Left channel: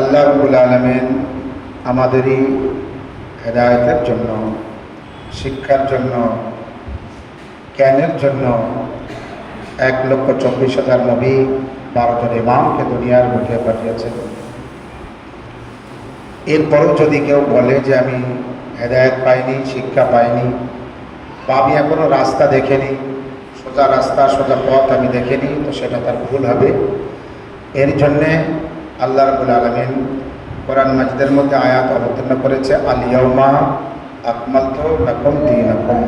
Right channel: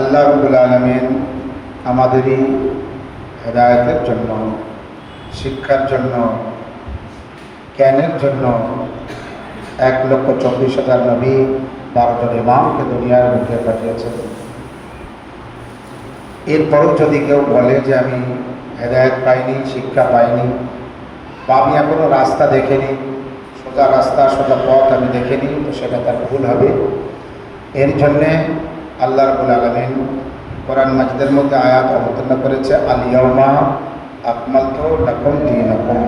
আল্লাহ রাব্বুল আলামিন আমাদেরই হেদায়েতের জন্য, শিক্ষার জন্য, জ্ঞানের জন্য 1,24,000 নবী, 12 জন ইমামকে দুনিয়ার বুকে পাঠিয়েছেন। এরপরও যদি কেউ বলে যে আমি হেদায়েত পাইনি, শিক্ষা পাইনি, বা আমি এখনও রাস্তা দেখিনি, সোজা রাস্তা সোজা পথ আমি দেখিনি, তো সেটা তার ভুল হবে। এর জন্যে আল্লাহ রাব্বুল আলামিন কোরআন মাজিদের মধ্যে আয়াত অবতীর্ণ করেছে, আল ইয়াউমা আকমালতু লাকুম দীনাকুম,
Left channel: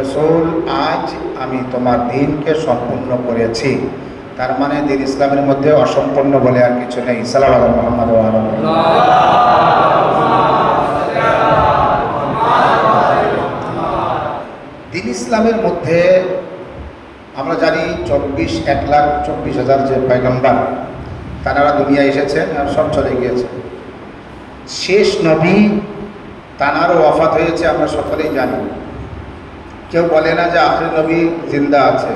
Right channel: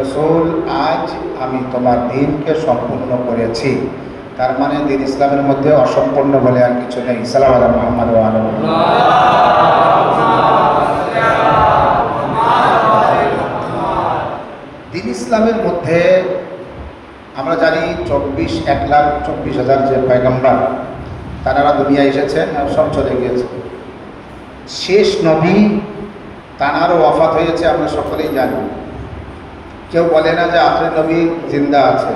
রাসূল আজ আমি তোমার দিনকে সম্পূর্ণ করেছি। তার মানে দিন ইসলামের মধ্যে অসম্পূর্ণ বলে আর কিছু নেই। সাল্লাল্লাহু আলা মুহাম্মাদ ওয়া আলা দিন ইসলামের মধ্যে আমরা জানি 1,24,000 যে পয়গম্বর তারা দুনিয়া এসেছেন, সব চলে গিয়েছে। শেষ নবী তানারও ওয়াফাত হয়েছে, আমরা সকলেই জানি। কেউ বলে না যে আখির নবী জিন্দা আছে,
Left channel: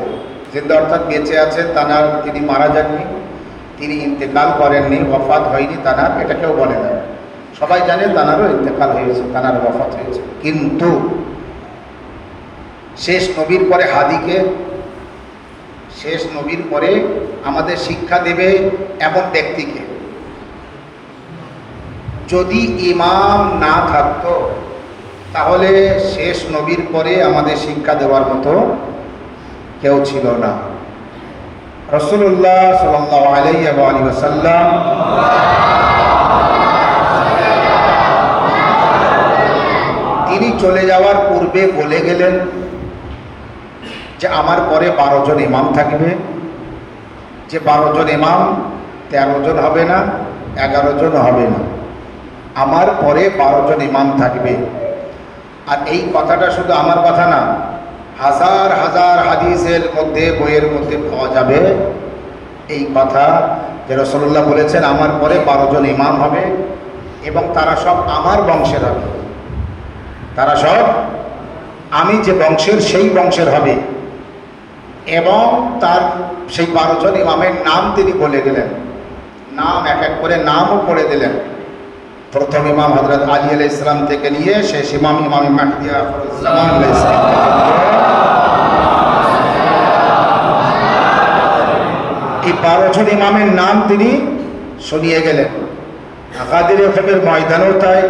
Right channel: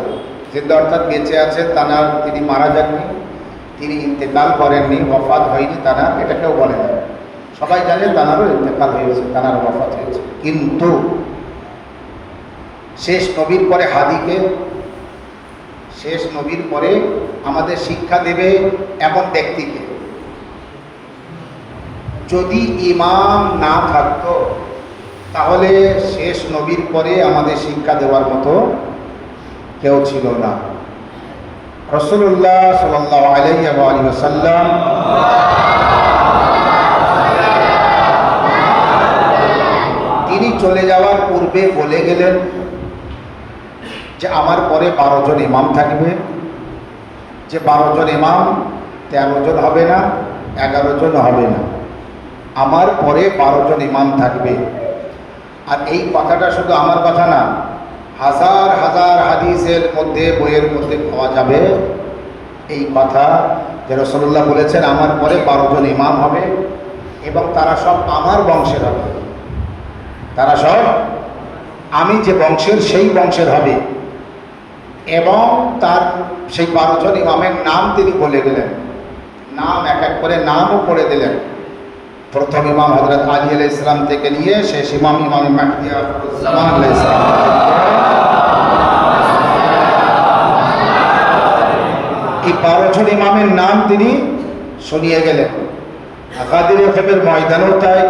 জিন্দা অর্থাৎ বেঁচে আছেন, তানার তিনি মারা যাননি, তিনি ইন্তেকাল করেননি, ওয়াফাত হয়নি তানার, এটা কেউ বলে না। সবাই জানে তানারও ইন্তেকাল হয়েছে, তানার ওয়াফাত হয়েছে। কিন্তু শেষ নবীর পরে হাদিকে, শেষ নবীর পরে আমাদের শিক্ষা দেবে এমন ব্যক্তিকে। যদি ইমাম না থাকতো তাহলে শেষ নবীর পরে আমাদের শিক্ষা দেওয়ার মতো কেউ ছিল না। রাসূলুল্লাহ সাল্লাল্লাহু আলাইহি ওয়া সাল্লাম তিনি চলে যাওয়ার পূর্বে বলে গেলেন যে আমার পরে 12 জন ইমাম থাকবে, যে 12 জন ইমাম 13 জন হবে না, 11 জন হবে না, আমার পরে 12 জন ইমাম থাকবে। আর এই কথাটা শুধু আমার কথা না, হাজার হাজার হাদিসের মধ্যে, বইয়ের মধ্যে পাওয়া যাবে এই কথা যে রাসূলুল্লাহ বলেছেন আমার পরে 12 জন ইমাম হবে এবং তারা সব আমার বংশের হবে, তারা সব আমি যে বংশের সেই বংশের হবে। এবং তার সেই 12 জন ইমামের নাম তিনি বলে দিলেন, নাম এক এক করে নামও পড়ে দিলেন। প্রথম ইমাম হযরত আলী আলাইহিস সালাম থেকে নিয়ে শেষ ইমাম ইমাম মাহদী আখিরুজ্জামান আলাইহিস সালাম, এই 12 জন ইমামের নাম তিনি শুনিয়ে গেলেন। আকাদির ওখানের ময়দানেও তাই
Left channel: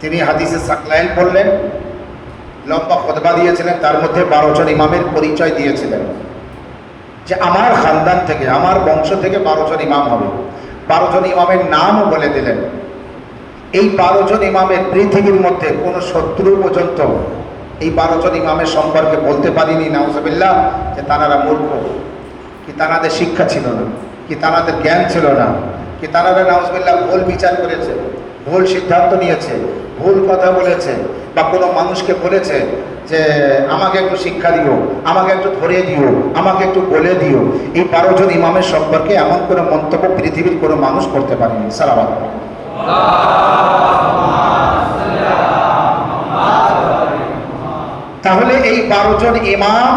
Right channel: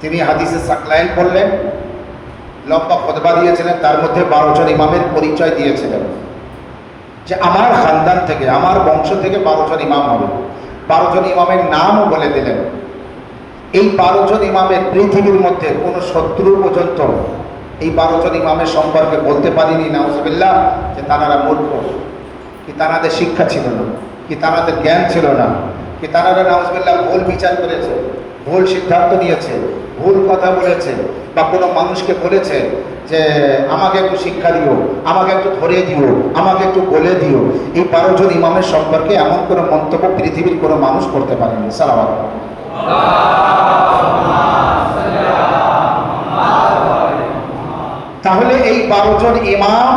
তিনি হাদিসে সাকলাইন বললেন, লম্বা খুতবা দিয়েছিলেন, তার মধ্যে 12 জন ইমামের পরিচয় দিয়েছিলেন যে আমার খানদান থেকে, আমার বংশ থেকে 12 জন ইমাম হবে। 12 জন ইমামের নামও বলে দিলেন। এই 12 জন ইমামের পৃথিবীর মধ্যে কোনো শত্রু পর্যন্ত এই 12 জন ইমামের সম্পর্কে বলতে পারিনি নাউজুবিল্লাহ যে তারা মূর্খ, কি তাদের শিক্ষা ছিল না, কি তাদের জ্ঞান ছিল না, কি তারা নাউজুবিল্লাহ ভুল বিচার করেছে, ভুল সিদ্ধান্ত নিয়েছে, ভুল কথা বলেছে, বা কোনো মানুষকে বলেছে যে আমাকে একটু শিক্ষা দিও, আমাকে একটু ধরিয়ে দিও, আমাকে একটু বলে দিও। এই 12 জন ইমামের সম্পর্কে এমন কোনো মন্তব্য পৃথিবীর কোনো মানুষ করতে পারেনি। সালাম আলাইকুম। তাহলে এই 12 জন ইমাম,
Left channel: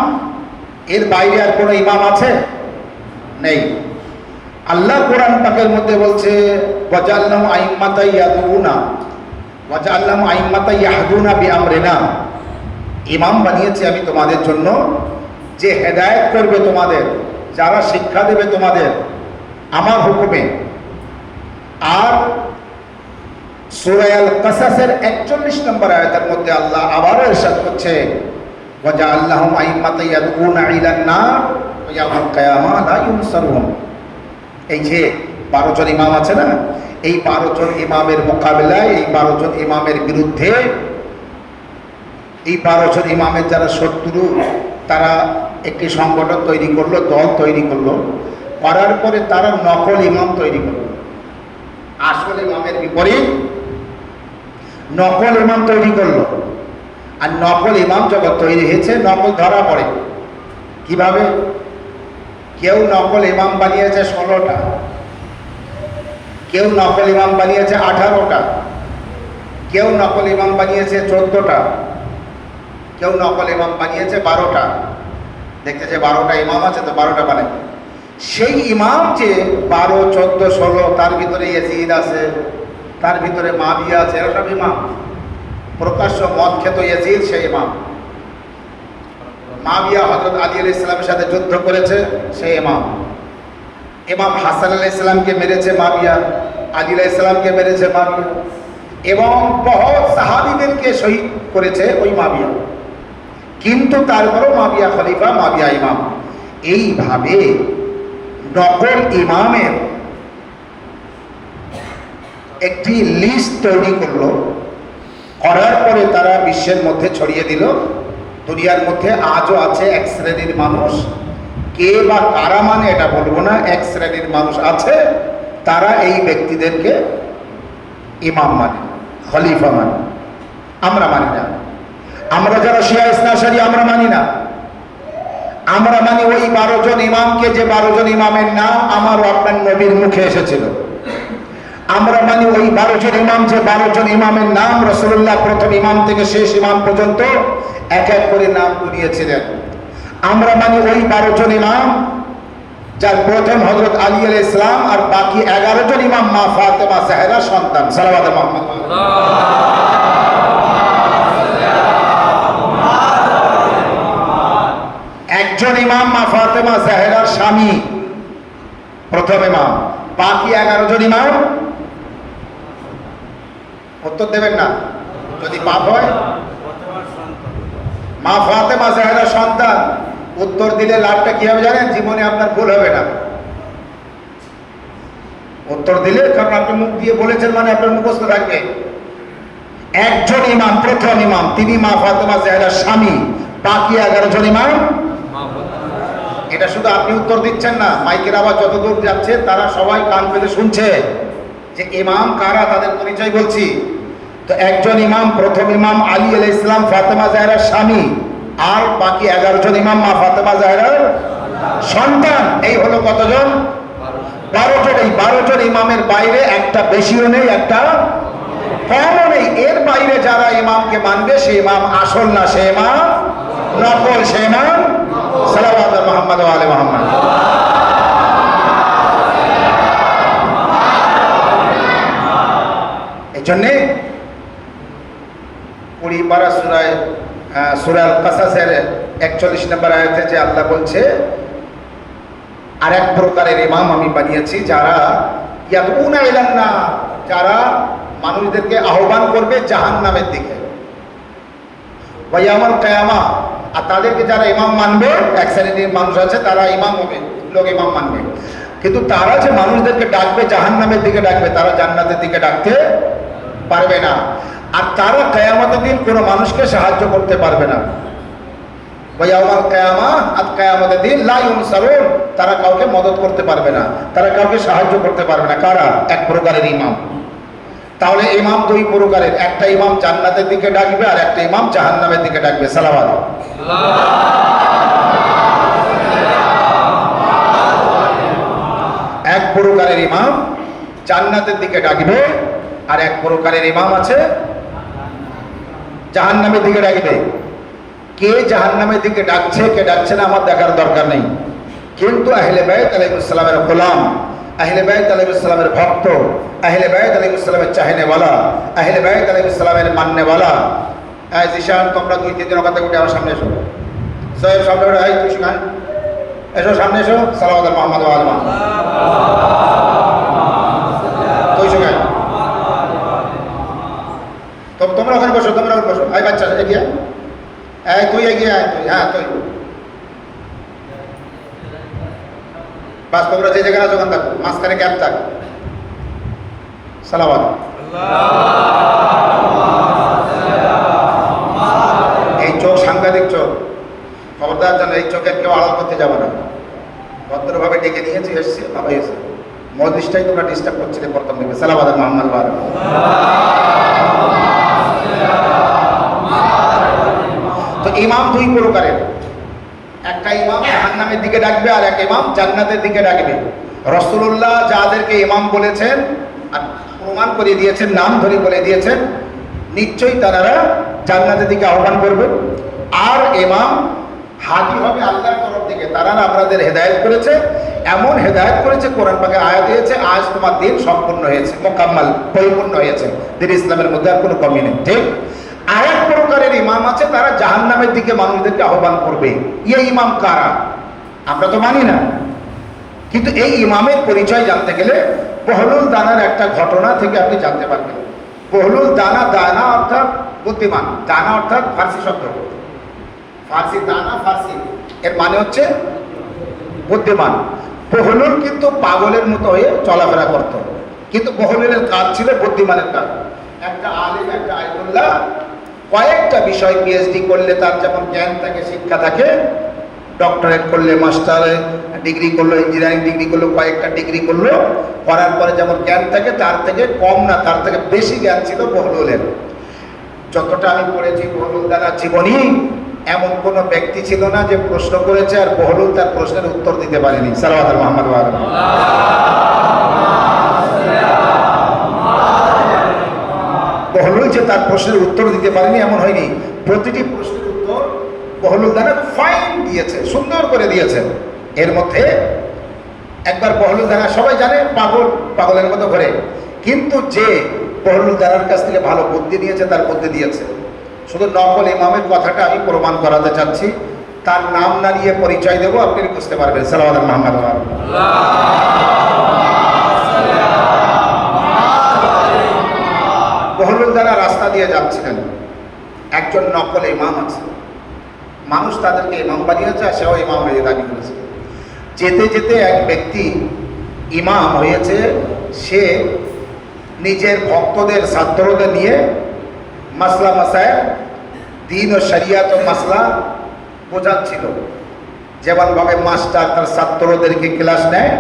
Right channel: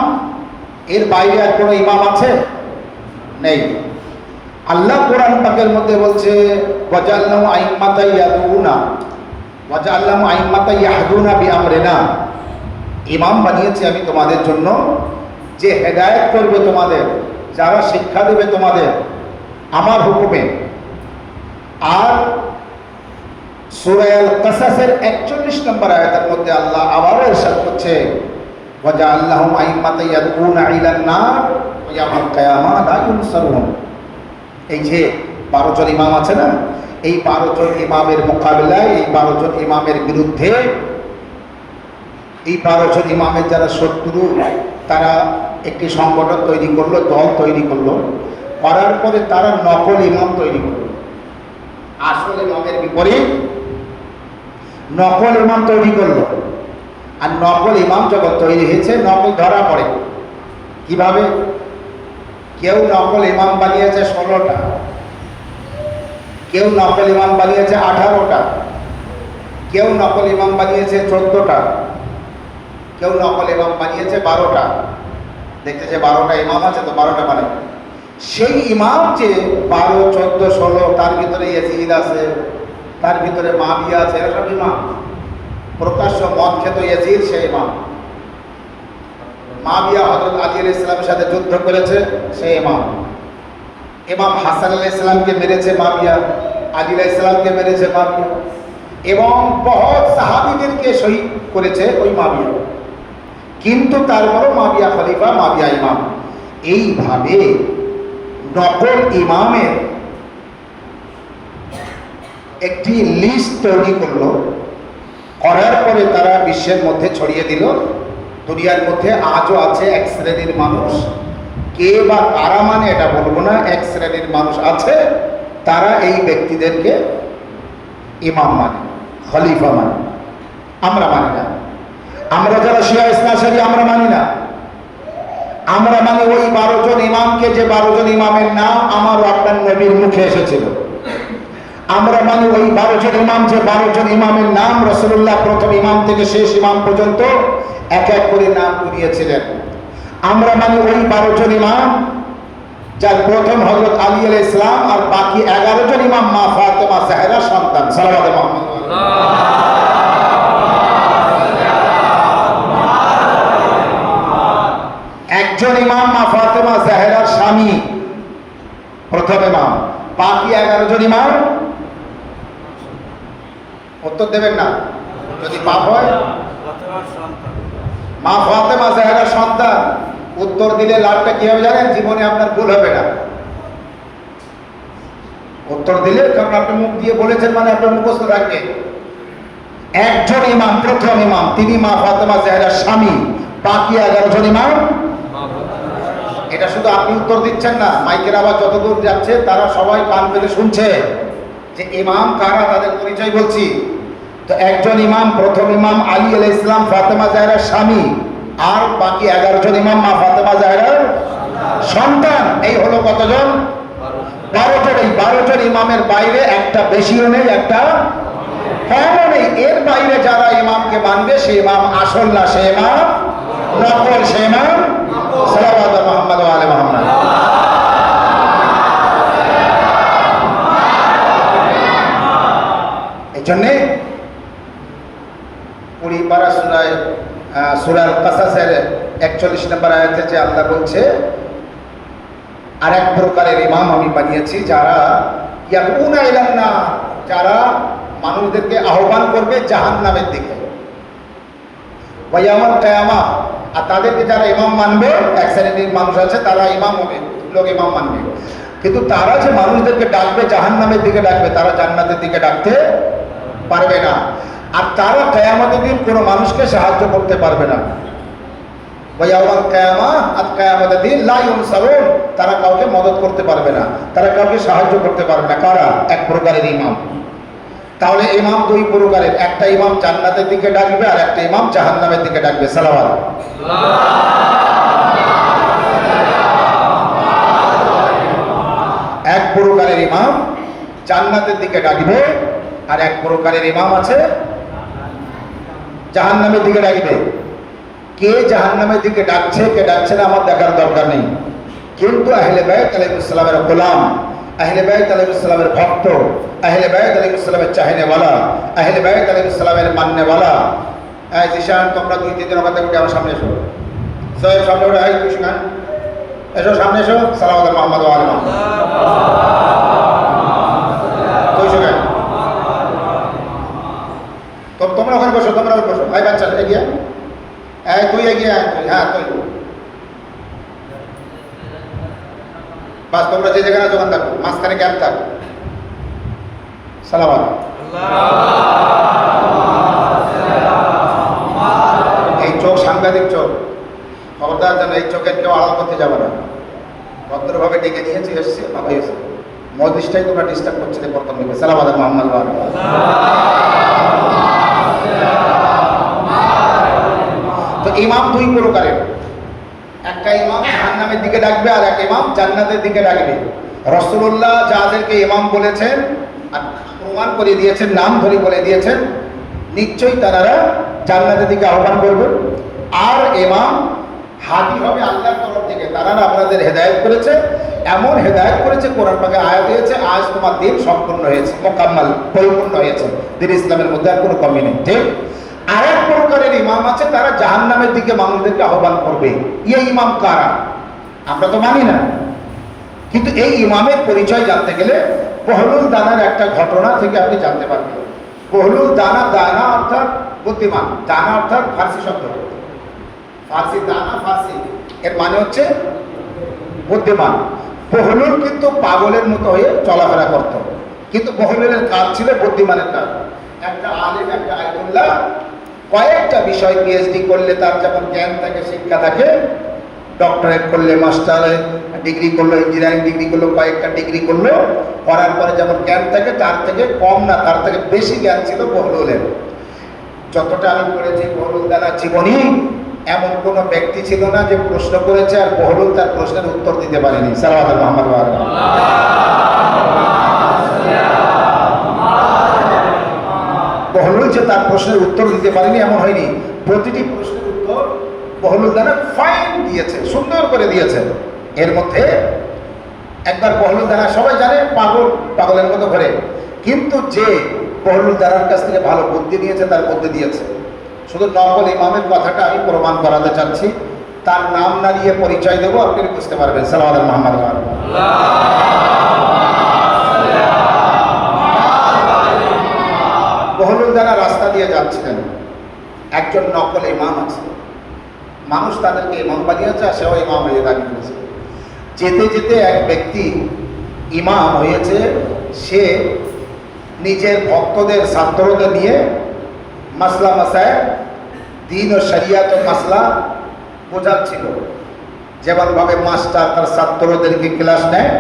এর বাইরে আর কোনো ইমাম আছে? নেই। আল্লাহ কোরআন পাকের মধ্যে বলছে ওয়াজআলনাহু আইম্মাতান ইয়াদউনা ওয়াজআলনাহু আইম্মাতান ইয়াহদুনা বিআমরিনা, ইমাম বানিয়েছি আমি তোমাদের জন্য যে হেদায়েত করবে তোমাদের, যারা শিক্ষা দেবে তোমাদের আমার হুকুমে। আর সূরা আল কাসাসের 41 নম্বর আয়াতের মধ্যে আল্লাহ আবারও ইরশাদ করছে ওয়াজআলনাহুম আইম্মাতান ইয়াদউনা ইলান নার ওয়া ইয়াউমাল কিয়ামাহ লা ইউনসারুন। এই যে 12 জন ইমাম আছে না, এই 12 জন ইমামের মোকাবিলায়, এই 12 জন ইমামের বিরুদ্ধে, এই 12 জন ইমামের যারা শত্রু, তারা একটি সংগঠন তৈরি করলো, দল তৈরি করলো, করার পরে তারা নকল ইমাম তৈরি করলো। আসল ইমামের বিপরীত নকল ইমাম তৈরি করলো। আর নকল ইমাম যখন তৈরি হয়েছে, নকল ধরা পড়ে কিভাবে? কেউ নকল ইমাম বানিয়েছে 16টা, কেউ নকল ইমাম বানিয়েছে 18টা, কেউ নকল ইমাম বানিয়েছে 14টা, কেউ নকল ইমাম বানিয়েছে 12টা। দেখতেছে 12টা ইমাম আছে তো 12টা বানাবে। সেই ইমাম যে 12, 14, 16, তার ভিতরে ইয়াজিদ আছে, তার ভিতরে মুআবিয়া আছে, এরা সব ইমাম। প্রকাশ্য মদ খেত ইয়াজিদ সেই ইমাম। মুআবিয়া হযরত আলী আলাইহিস সালামের সাথে যুদ্ধ করেছে, সেই ইমাম। ইমাম হাসান আলাইহিস সালামকে মেরেছে মুআবিয়া, আলী আলাইহিস সালামকে মেরেছে মুআবিয়া, এবং বহুত সাহাবীদেরকে শহীদ করেছে ওই মুআবিয়া। কিন্তু তারপরও মুআবিয়া খলিফা, মুআবিয়া ইমাম। এইভাবে নকল ইমামের একটি লিস্ট তৈরি করলো, করার পরে তারা বিশ্বের মধ্যে ছড়িয়ে দিল। দুনিয়ার মধ্যে আজও আছে এক শ্রেণীর মানুষ, কে বা কারা মানে এটা বলবো না, এক শ্রেণীর মানুষ আছে, তারা এই ব্যক্তিদেরকে ইমাম মানে, খলিফা মানে। আমরা মানি না। আমরা যারা শিয়া ইসনাশারি আমরা মানি না। আমরা মানি ওই 12 জন ইমামকে, যে 12 জন ইমামের নাম আমার আপনার নবীর মুখে এসেছিল। আমরা মানি ওই 12 জন ইমাম, যে 12 জন ইমামের নাম রাসূলুল্লাহ প্রথম ইমাম থেকে শেষ ইমাম পর্যন্ত এক এক করে নাম করিয়েছিলেন। আমরা মানি ওই 12 জন ইমাম যার প্রথম হযরত আলী আলাইহিস সালাম আর বাকি 11 জন ইমাম মা ফাতেমা জাহরার সন্তান। সাল্লাল্লাহু আলাইহি ওয়া সাল্লাম। একজন ইমাম মা ফাতেমা জাহরার স্বামী, প্রথম ইমাম। বাকি 11 জন ইমাম, উত্তর দেবেন না যদি পাপ হয়। মা ফাতেমা জাহরার সন্তান। উত্তর দিলে লাভটা কি হবে জানেন? জীবনে আপনার ভুল হবে না উত্তর দিলে, কারণ আপনি মুখ দিয়ে বলেছেন মানে আপনার মুখস্থ থাকবে। একজন ইমাম, প্রথম ইমাম, তিনি মা ফাতেমা জাহরার স্বামী। বাকি 11 জন ইমাম। এটা শুধু আপনি উত্তর দিচ্ছেন না, মাইকের আওয়াজ যতদূর যাচ্ছে তারা সবাই কান পেতে শুনছে যে ইমাম কারা, তাদের পরিচয় বলছি। তো একজন ইমাম, প্রথম ইমাম আলী আলাইহিস সালাম ফাতেমা জাহরার স্বামী, আর বাকি 11 জন ইমাম মা ফাতেমা জাহরার সন্তান। এই হলো কতজন? 12 জন। এই 12 জন ইমামের বাইরে একটা বেশিও নেই, একটা কমও নেই। এর বাইরে যারা ইমামকে মানবে সে ইমাম আসল না, সে ইমাম নকল, সে ইমাম সাল্লাল্লাহু আলা মুহাম্মদ ওয়া আলি মুহাম্মদ। এজন্যে কুড়ি পারা সূরা কাসাসের 41 নম্বর আয়াতে যে আল্লাহ বলছে, আর এক প্রকারের ইমাম আমি বানিয়েছি যারা ইয়াদউনা ইলান নার, যারা মানুষদেরকে আহ্বান করবে জাহান্নামের দিকে, ওয়া ইয়াউমাল কিয়ামা, আর তাদেরকে যারা ইমাম মানবে, এক শ্রেণীর মানুষ আছে তারা ইমাম হবে, লোক ইমাম মানবে, কিন্তু তারা যে মানুষদেরকে ডাকবে জাহান্নামের দিকে ডাকবে, তারা জান্নাতের দিকে ডাকতে পারবে না। আর তারা কিয়ামতের দিন কোনো মানুষকে সাহায্য করতে পারবে না। ওয়া ইয়াউমাল কিয়ামা, আর কিয়ামতের দিন লা ইউনসারুন, তারা কাউকে মদদ করতে পারবে না, তারা কাউকে সাহায্য করতে পারবে না। কারা? এক প্রকারের ইমাম। তাহলে ইমাম দুই প্রকারের, একটা ইমাম জান্নাতের দিকে ডাকবে আর একটা ইমাম জাহান্নামের দিকে ডাকবে। সালাওয়াত। এক প্রকারের ইমাম জান্নাতের দিকে ডাকবে, আর এক প্রকারের ইমাম আছে জাহান্নামের দিকে ডাকবে। কে জাহান্নামের দিকে ডাকছে কে ডাকছে না আমার দেখার দরকার নেই, কিন্তু আহলে বাইত আলাইহিস সালামের গোলাম, আহলে বাইত আলাইহিস সালামের ভক্ত, আহলে বাইত আলাইহিস সালামের চাহনেওয়ালা, আহলে বাইত আলাইহিস সালামের মাননেওয়ালা। জিশান, তোমরা 2-3 দিন ওখানে উঠে আমার সামনে এসো। সোহেব সামনে উঠে, এই কৃষ্ণা এসো, সামনে এসো। সালাওয়াত আলা মুহাম্মদ ওয়া আলি মুহাম্মদ। তো এসো কেন? তোমরা ওখানে বসো, তোমরা ওখানে বসো। এই বাচ্চা এগিয়ে, এই তুই এগিয়ে আয়, তুই, হ্যাঁ তুই। বাস, তোমরা যে জায়গায় যখন থাকো মাঝখানে গ্যাপ থাক। সালাওয়াত। এই চোখ সাংঘাতিক চোখ, খবরদার যেন এই চোখের কেউ আড়াল করতে যাবে না। ভদ্রভাবে ডেকে নিয়েছি, এসছে, ভালো হয়েছে। মহাদিসটাই তোমরা ডিস্টার্ব করছিলে প্রথম দিকে। সালাওয়াত আলা মুহাম্মদ ওয়া আলি মুহাম্মদ। তো ইমাম দুই প্রকারের, একটা ইমাম জাহান্নামের দিকে ডাকবে আর একটা ইমাম জান্নাতের দিকে ডাকবে। রাসূলুল্লাহ যাদেরকে ইমাম বলেছেন, প্রমাণ করে দিয়েছেন, নাম ধরে বলে দিয়েছেন, নিশ্চয়ই তারা জান্নাতের দিকে আহ্বান করবে। আর ইমাম হাদি হবে আল্লাহর তরফ থেকে, তারা আপনাদের হেদায়েত করেছে, এমন হেদায়েত করেছে, কোরআন পাকে আয়াত দিয়েছে, আজ তোমার দিন সম্পূর্ণ হয়েছে, মোকাম্মাল, পরিপূর্ণ হয়েছে, দিন ইসলামের মধ্যে আর কোনো কমি নেই। ঠিক। আর এক প্রকারের ইমাম আছে, তারা জাহান্নামের দিকে মানুষদেরকে আহ্বান করবে। এই ইমাম কারা? আমরা তো মানি না, কিন্তু এই ইমামের পরিচয় জানতে গেলে বহলুল দানার একটা ঘটনা থেকে আপনি জানতে পারবেন। বহলুল দানা, দানা অর্থাৎ বুদ্ধিমান, দানা অর্থাৎ ফার্সি শব্দ, ফার্সি দানা, ফার্সি এর মানে হচ্ছে বুদ্ধিমান। বহলুল কিন্তু পাগলের মতো হয়ে চলাফেরা করত, কিন্তু বহলুলের কাজ ছিল বুদ্ধিমানের কাজ। একটা আলিম, একটা আইনুল্লাহ কয়েকটা বিষয় পিএইচডি করলে তার যেমন জ্ঞান থাকে, শিক্ষা থাকে, ডক্টরেট করলে, মাস্টারের ডিগ্রি করলো, ইঞ্জিনিয়ারিং ডিগ্রি করলো, কয়েকটা ডিগ্রি করলো, করার পরে যেমন জ্ঞান থাকে তার থেকে কম না, তার থেকে বেশি জ্ঞান ছিল বহলুলের। যতটা আমি পড়েছি বহলুল দানার জীবনী, এমন কোনো ব্যক্তি ছিল না যে প্রশ্ন করেছে আর বহলুল তার প্রশ্নের উত্তর দিতে পারেনি। সাল্লাল্লাহু আলাইহি মুহাম্মদ ওয়া আলি মুহাম্মদ। বহলুল যে তার প্রশ্নের উত্তর দিতে পারেনি এমন হয়নি, প্রতিটি প্রশ্নের উত্তর বহলুল দানা ফাইন দিয়েছে, সুন্দর করে দিয়েছে। এর মধ্যে একবার বহলুল দানা সবাই জানে পাগল, পাগলের মতো ঘরে, কিন্তু যে বহলুল দানার কাছ থেকে ভালো বুদ্ধি নিয়েছে, তার বুদ্ধি দিয়েছে। শুধু নকল ইমামের কথাটা আমি প্রমাণ করাতে চাচ্ছি, তার নাম না নিয়ে পরিচয় দেবো, আপনি বুঝতে পারবেন। সাল্লাল্লাহু আলাইহি মুহাম্মদ। বহলুল দানা রাস্তা দিয়ে যাচ্ছিলেন, একজন নকল ইমাম আছে, মানুষ তাদেরকে ইমাম বানিয়েছে আর সেও ইমাম হয়ে দাবি করেছে। যেতে যেতে এক ব্যক্তি ইমাম হয়েছে, সে নিজের ভক্তদের, ছাত্রদের নিয়ে মাসলা মাসায়, দিন ও শরিয়াতের মাসলা বোঝাচ্ছিল। যেমনভাবে মাস্টার তার ছাত্রদেরকে ক্লাস নেয়,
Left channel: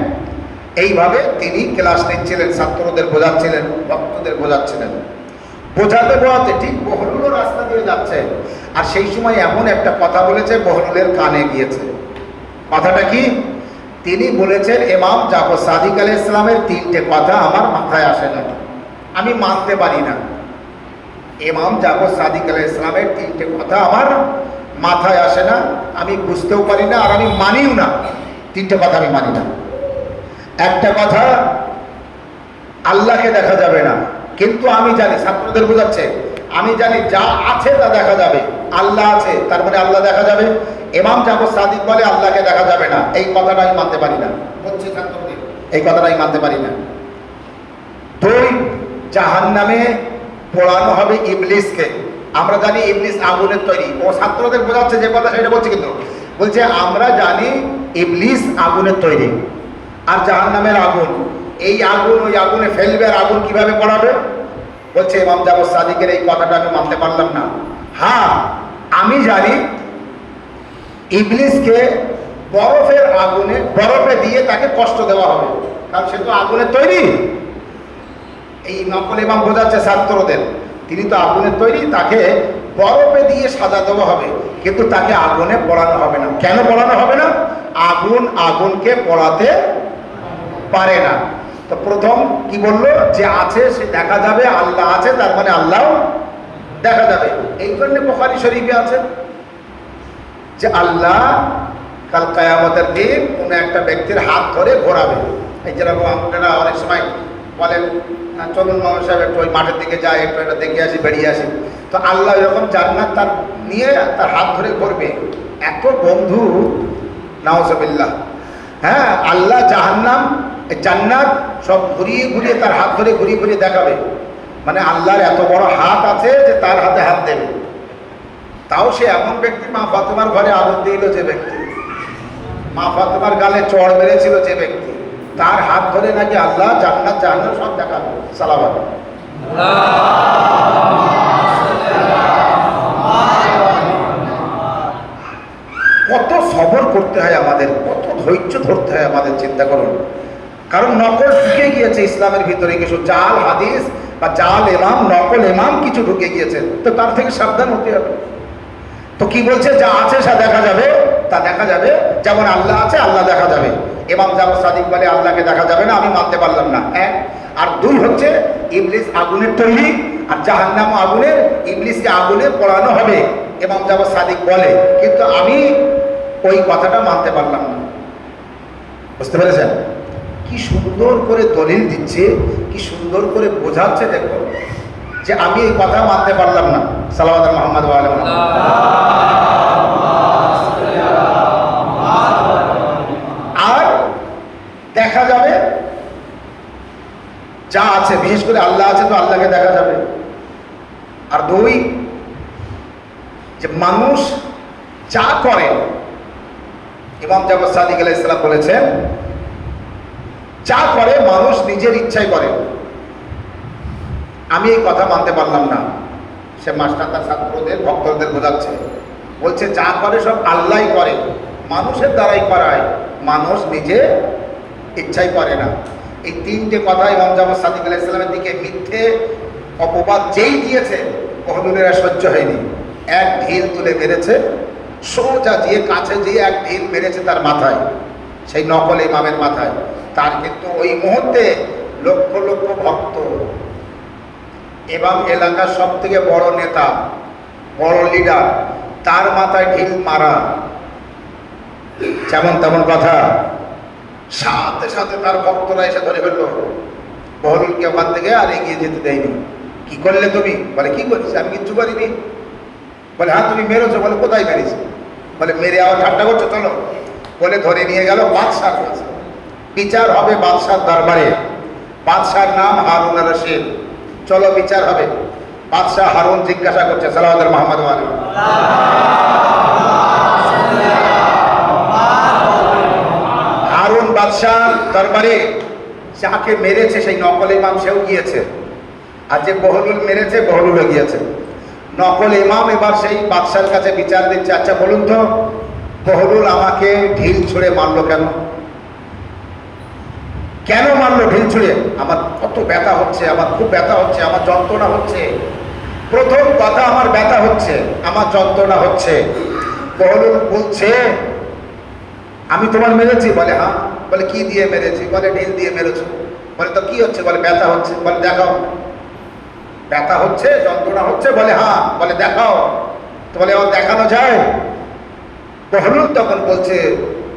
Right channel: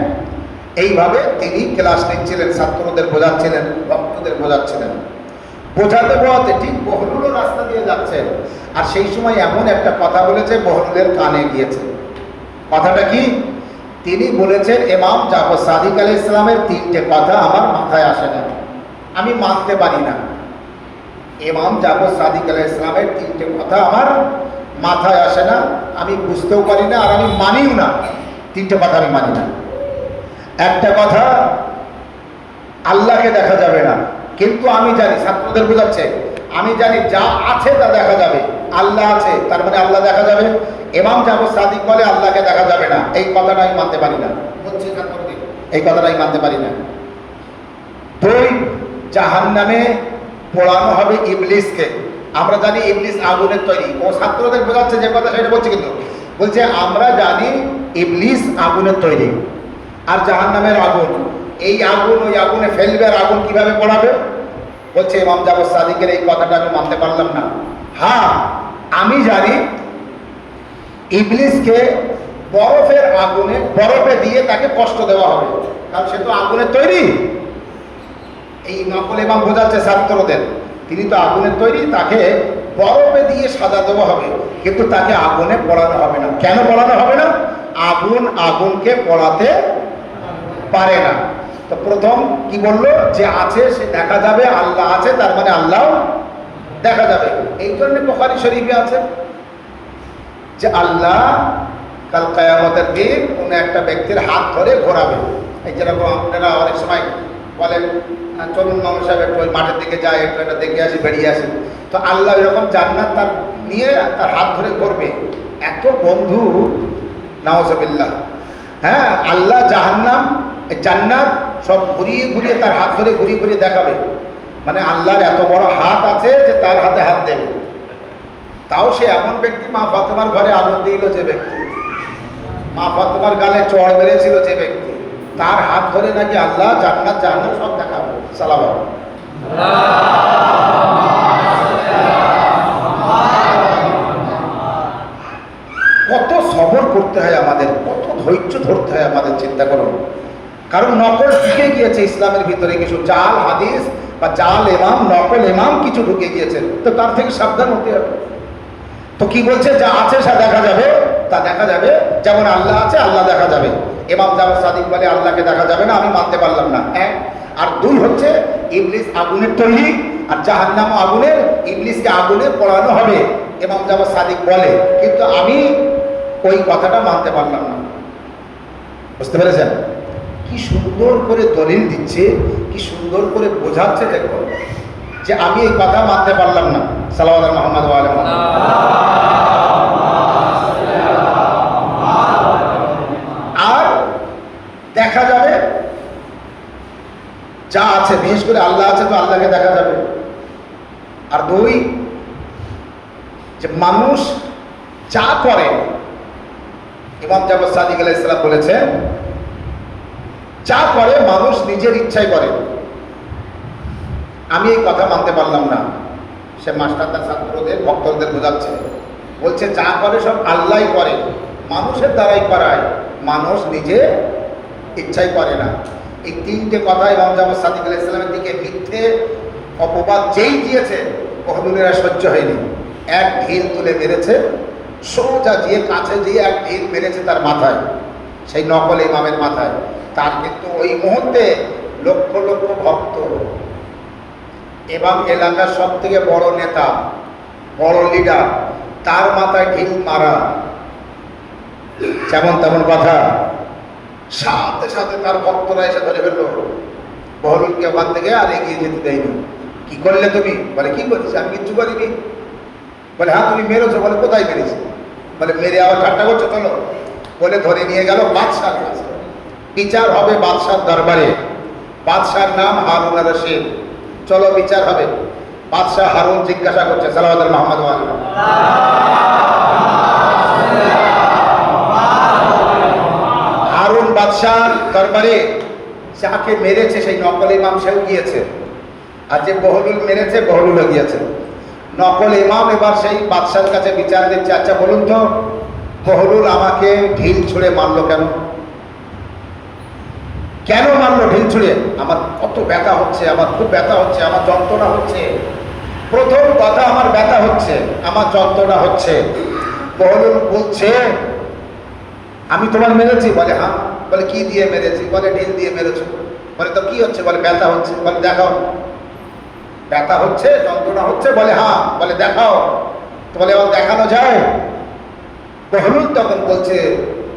এইভাবে তিনি ক্লাস নিচ্ছিলেন, ছাত্রদের বোঝাচ্ছিলেন, ভক্তদের বোঝাচ্ছিলেন। বোঝাতে বোঝাতে ঠিক বহরুলও রাস্তা দিয়ে যাচ্ছে, আর সেই সময় এমন একটা কথা বলেছে বহরুলের কানে গিয়েছে। কথাটা কি? তিনি বলেছেন ইমাম জাফর সাদিক আলাইহিস সালামের তিনটে কথা আমার মাথায় আসে না, আমি মানতে পারি না। ইমাম জাফর সাদিক আলাইহিস সালামের তিনটে কথা আমার মাথায় আসে না, আমি বুঝতেও পারি না, আর আমি মানিও না। তিনটে কথা আমি মানি না। একটা কথা, আল্লাহকে দেখা যাবে না, কিন্তু আমি জানি, ছাত্রদের বোঝাচ্ছে, আমি জানি যা আছে তা দেখা যাবে। আল্লাহ আছে, তার মানে আল্লাহ দেখা যাবে। ইমাম জাফর সাদিক বলে আল্লাহকে দেখা যাবে না, এই কথাটা আমি মানতে পারি না। বলছি ছাত্রদের, এই কথাটা আমি মানতে পারি না। দুই, জাহান্নামে পোড়ানো হবে ইবলিসকে। আমরা জানি ইবলিস আগুনের তৈরি। ও ছাত্রদের বোঝাচ্ছে যে কথা সেটা বলছি, কিন্তু বলছে আমরা জানি ইবলিস আগুনের তৈরি, আর জাহান্নামের আগুন, এই আগুন ওই আগুনে ফেলবে, আর আগুন কিভাবে পড়াবে? বলছে ইমাম জাফর সাদিকের এই কথাটা আমি মানতে পারলাম না। হ্যাঁ, আমি জানি ইবলিসকে বরফের আগুনে, বরফে দিয়ে তাকে কষ্ট দেওয়া হবে, কারণ সে তো আগুনের তৈরি। এই নকল ইমাম বোঝাচ্ছে ছাত্রদের, তিনি তো আগুনের তৈরি, তাকে বরফে দিয়ে সাজা দেওয়া হবে, কিন্তু তাকে আগুনে পড়ানো হবে না। কেন পড়ানো হবে না? আগুন আগুনকে পড়াতে পারে না। তো প্রথম কি বললো? যে আছে সে দেখা যাবে, আল্লাহ আছে তার মানে আল্লাহ দেখা যাবে। এই জন্য বুখারী শরীফে আছে যে আল্লাহ কাল কিয়ামতের দিন কোনো একটা ব্যক্তির হাত ধরে ঘোরাবে। এই যেরকম আপনারা অনেক সময় বলেন, চলুন মামা সাহেব একটু ওই মাঠের দিকে যায়, একটু একটা দেখে আসি, বেরিয়ে আসি। তো আল্লাহ এরকম জান্নাত তার নিয়ে তার হাত ধরে ঘুরবে। এত বন্ধু, নাউজুবিল্লাহ। হ্যাঁ, আল্লাহ জাহান্নাম জান্নাত সব ঘুরিয়ে ঘুরিয়ে তার হাত ধরে ঘুরিয়ে ঘুরিয়ে দেখাবে। মানে আল্লাহর এত বড় হাত আছে যে তার হাতে হাত দেবে। তাও সে এমন ব্যক্তি, মা ফাতেমার ঘরে আগুন দিল যে ব্যক্তি, মা ফাতেমার গালে চড় মেরেছিল যে ব্যক্তি, তার হাত ধরে নাকি আল্লাহ জান্নাত জাহান্নাম সব দেখাবে। সালাম। কত সবর করতে হয় আমাদের, কত ধৈর্য ধরতে হয় আমাদের, চিন্তা করুন। কারণ নকল ঢুকে গিয়েছে ইসলামের ভিতরে, কিছু জাল হাদিস বা জাল ইমাম, নকল ইমাম কিছু ঢুকে গিয়েছে, তো তার থেকে সাবধান হতে হবে। তো কি বলছে? যা আছে সে দেখা যাবে, তা দেখা যাবে। যেমন আল্লাহ আছে, আল্লাহ দেখা যাবে। ইমাম জাফর সাদিক বলে আল্লাহকে দেখা যাবে না, আমি মানতে পারলাম না। এক। আর দুই হচ্ছে ইবলিস আগুনের তৈরি, আর জাহান্নাম আগুনের, ইবলিসকে আগুনে পোড়ানো হবে, ইমাম জাফর সাদিক বলে, কিন্তু আমি ওই কথাটা মানতে পারলাম না। বুঝতে পেরেছেন? কি সুন্দর করে দলিল দিচ্ছে, কি সুন্দর করে বোঝাচ্ছে, দেখো যে আমি এই কথা মানতে পারলাম না। সাল্লাল্লাহু মুহাম্মদ ওয়া আলা মুহাম্মদ। আর দেখা যাবে যা আছে, বিশেষ করে আল্লাহ আছে, তো আল্লাহকে দেখা যাবে। আর দুই, যে মানুষ যা করে, ইমাম জাফর সাদিক আলাইহিস সালাম বলেছেন, যা করে মানুষ নিজের ইচ্ছায় করে। আমি এই কথা মানতে পারলাম না। সে মাস্টার তার ছাত্রদের, ভক্তদের বোঝাচ্ছে, বলছে যা করে সব আল্লাহই করে, মানুষের দ্বারাই করায়, মানুষ নিজে ইচ্ছাই করে না। এই তিনটে কথা ইমাম জাফর সাদিক আলাইহিস সালামের দিকে মিথ্যে অপবাদ যেই দিয়েছে, বহরুলেরা সহ্য হয়নি। এক ঢিল তুলে মেরেছে, সোজা দিয়ে কাছে দিয়ে এক ঢিল মেরেছে তার মাথায়, সেই নকল ইমামের মাথায়। তার কিন্তু ওই মুহূর্তে লক্ষ লক্ষ ভক্ত এবং এলাকার সব থেকে বড় নেতা, বড় লিডার, তার মাথায় ঢিল মারা, যেমন তেমন কথা। সাথে সাথে তার ভক্তরা এসে ধরে ফেলল বহরুলকে ওখান থেকে, আর এগিয়ে যেতে দেয়নি। কি করলে তুমি? বলে কি করেছি? আমি কিচ্ছু করিনি। বলে হ্যাঁ তুমি মেরেছো। বলে কোথায় মেরেছি? বলে মেরে আবার ঠাট্টা করছো, চলো। বলে ধরে নিয়ে গেল বাদশার কাছে। বিচার হবে বাদশার দরবারে। বাদশার নাম হারুন আর রশিদ। চলো বিচার হবে। বাদশাহ হারুন জিজ্ঞাসা করছে, সাল্লাল্লাহু মুহাম্মদ ওয়া আলা হারুন বাদশাহ দরবারে যাকে মেরেছে সেই নকল ইমাম সেও গিয়েছে, আর যে বহরুল মেরেছে বহরুলও গিয়েছে। নকল ইমাম এবার সেই বাদশার কাছে বিচার দিচ্ছে, আচ্ছা বলুন তো, বহরুল আমাকে ঢিল ছুঁড়ে মারলো কেন? কেন মারলো ঢিল ছুঁড়ে? আমার কত ব্যথা হচ্ছে, আমার খুব ব্যথা হচ্ছে, আমার যন্ত্রণা হচ্ছে। প্রথম কথা, আমার ব্যথা হচ্ছে, আমার যন্ত্রণা হচ্ছে। বহলুল বলছে, আমি তোমার মেরেছি? বলে হ্যাঁ। বলে কি দিয়ে মেরেছি? বলে ঢিল দিয়ে মেরেছো। বলে তো কি হচ্ছে? বলে ব্যথা হচ্ছে। বলে দেখাও। ব্যথা হচ্ছে, যন্ত্রণা হচ্ছে? বলে হ্যাঁ। বলে দেখাও। তো বলে আমার দেখানো যায়? বহলুল তখন বলছে,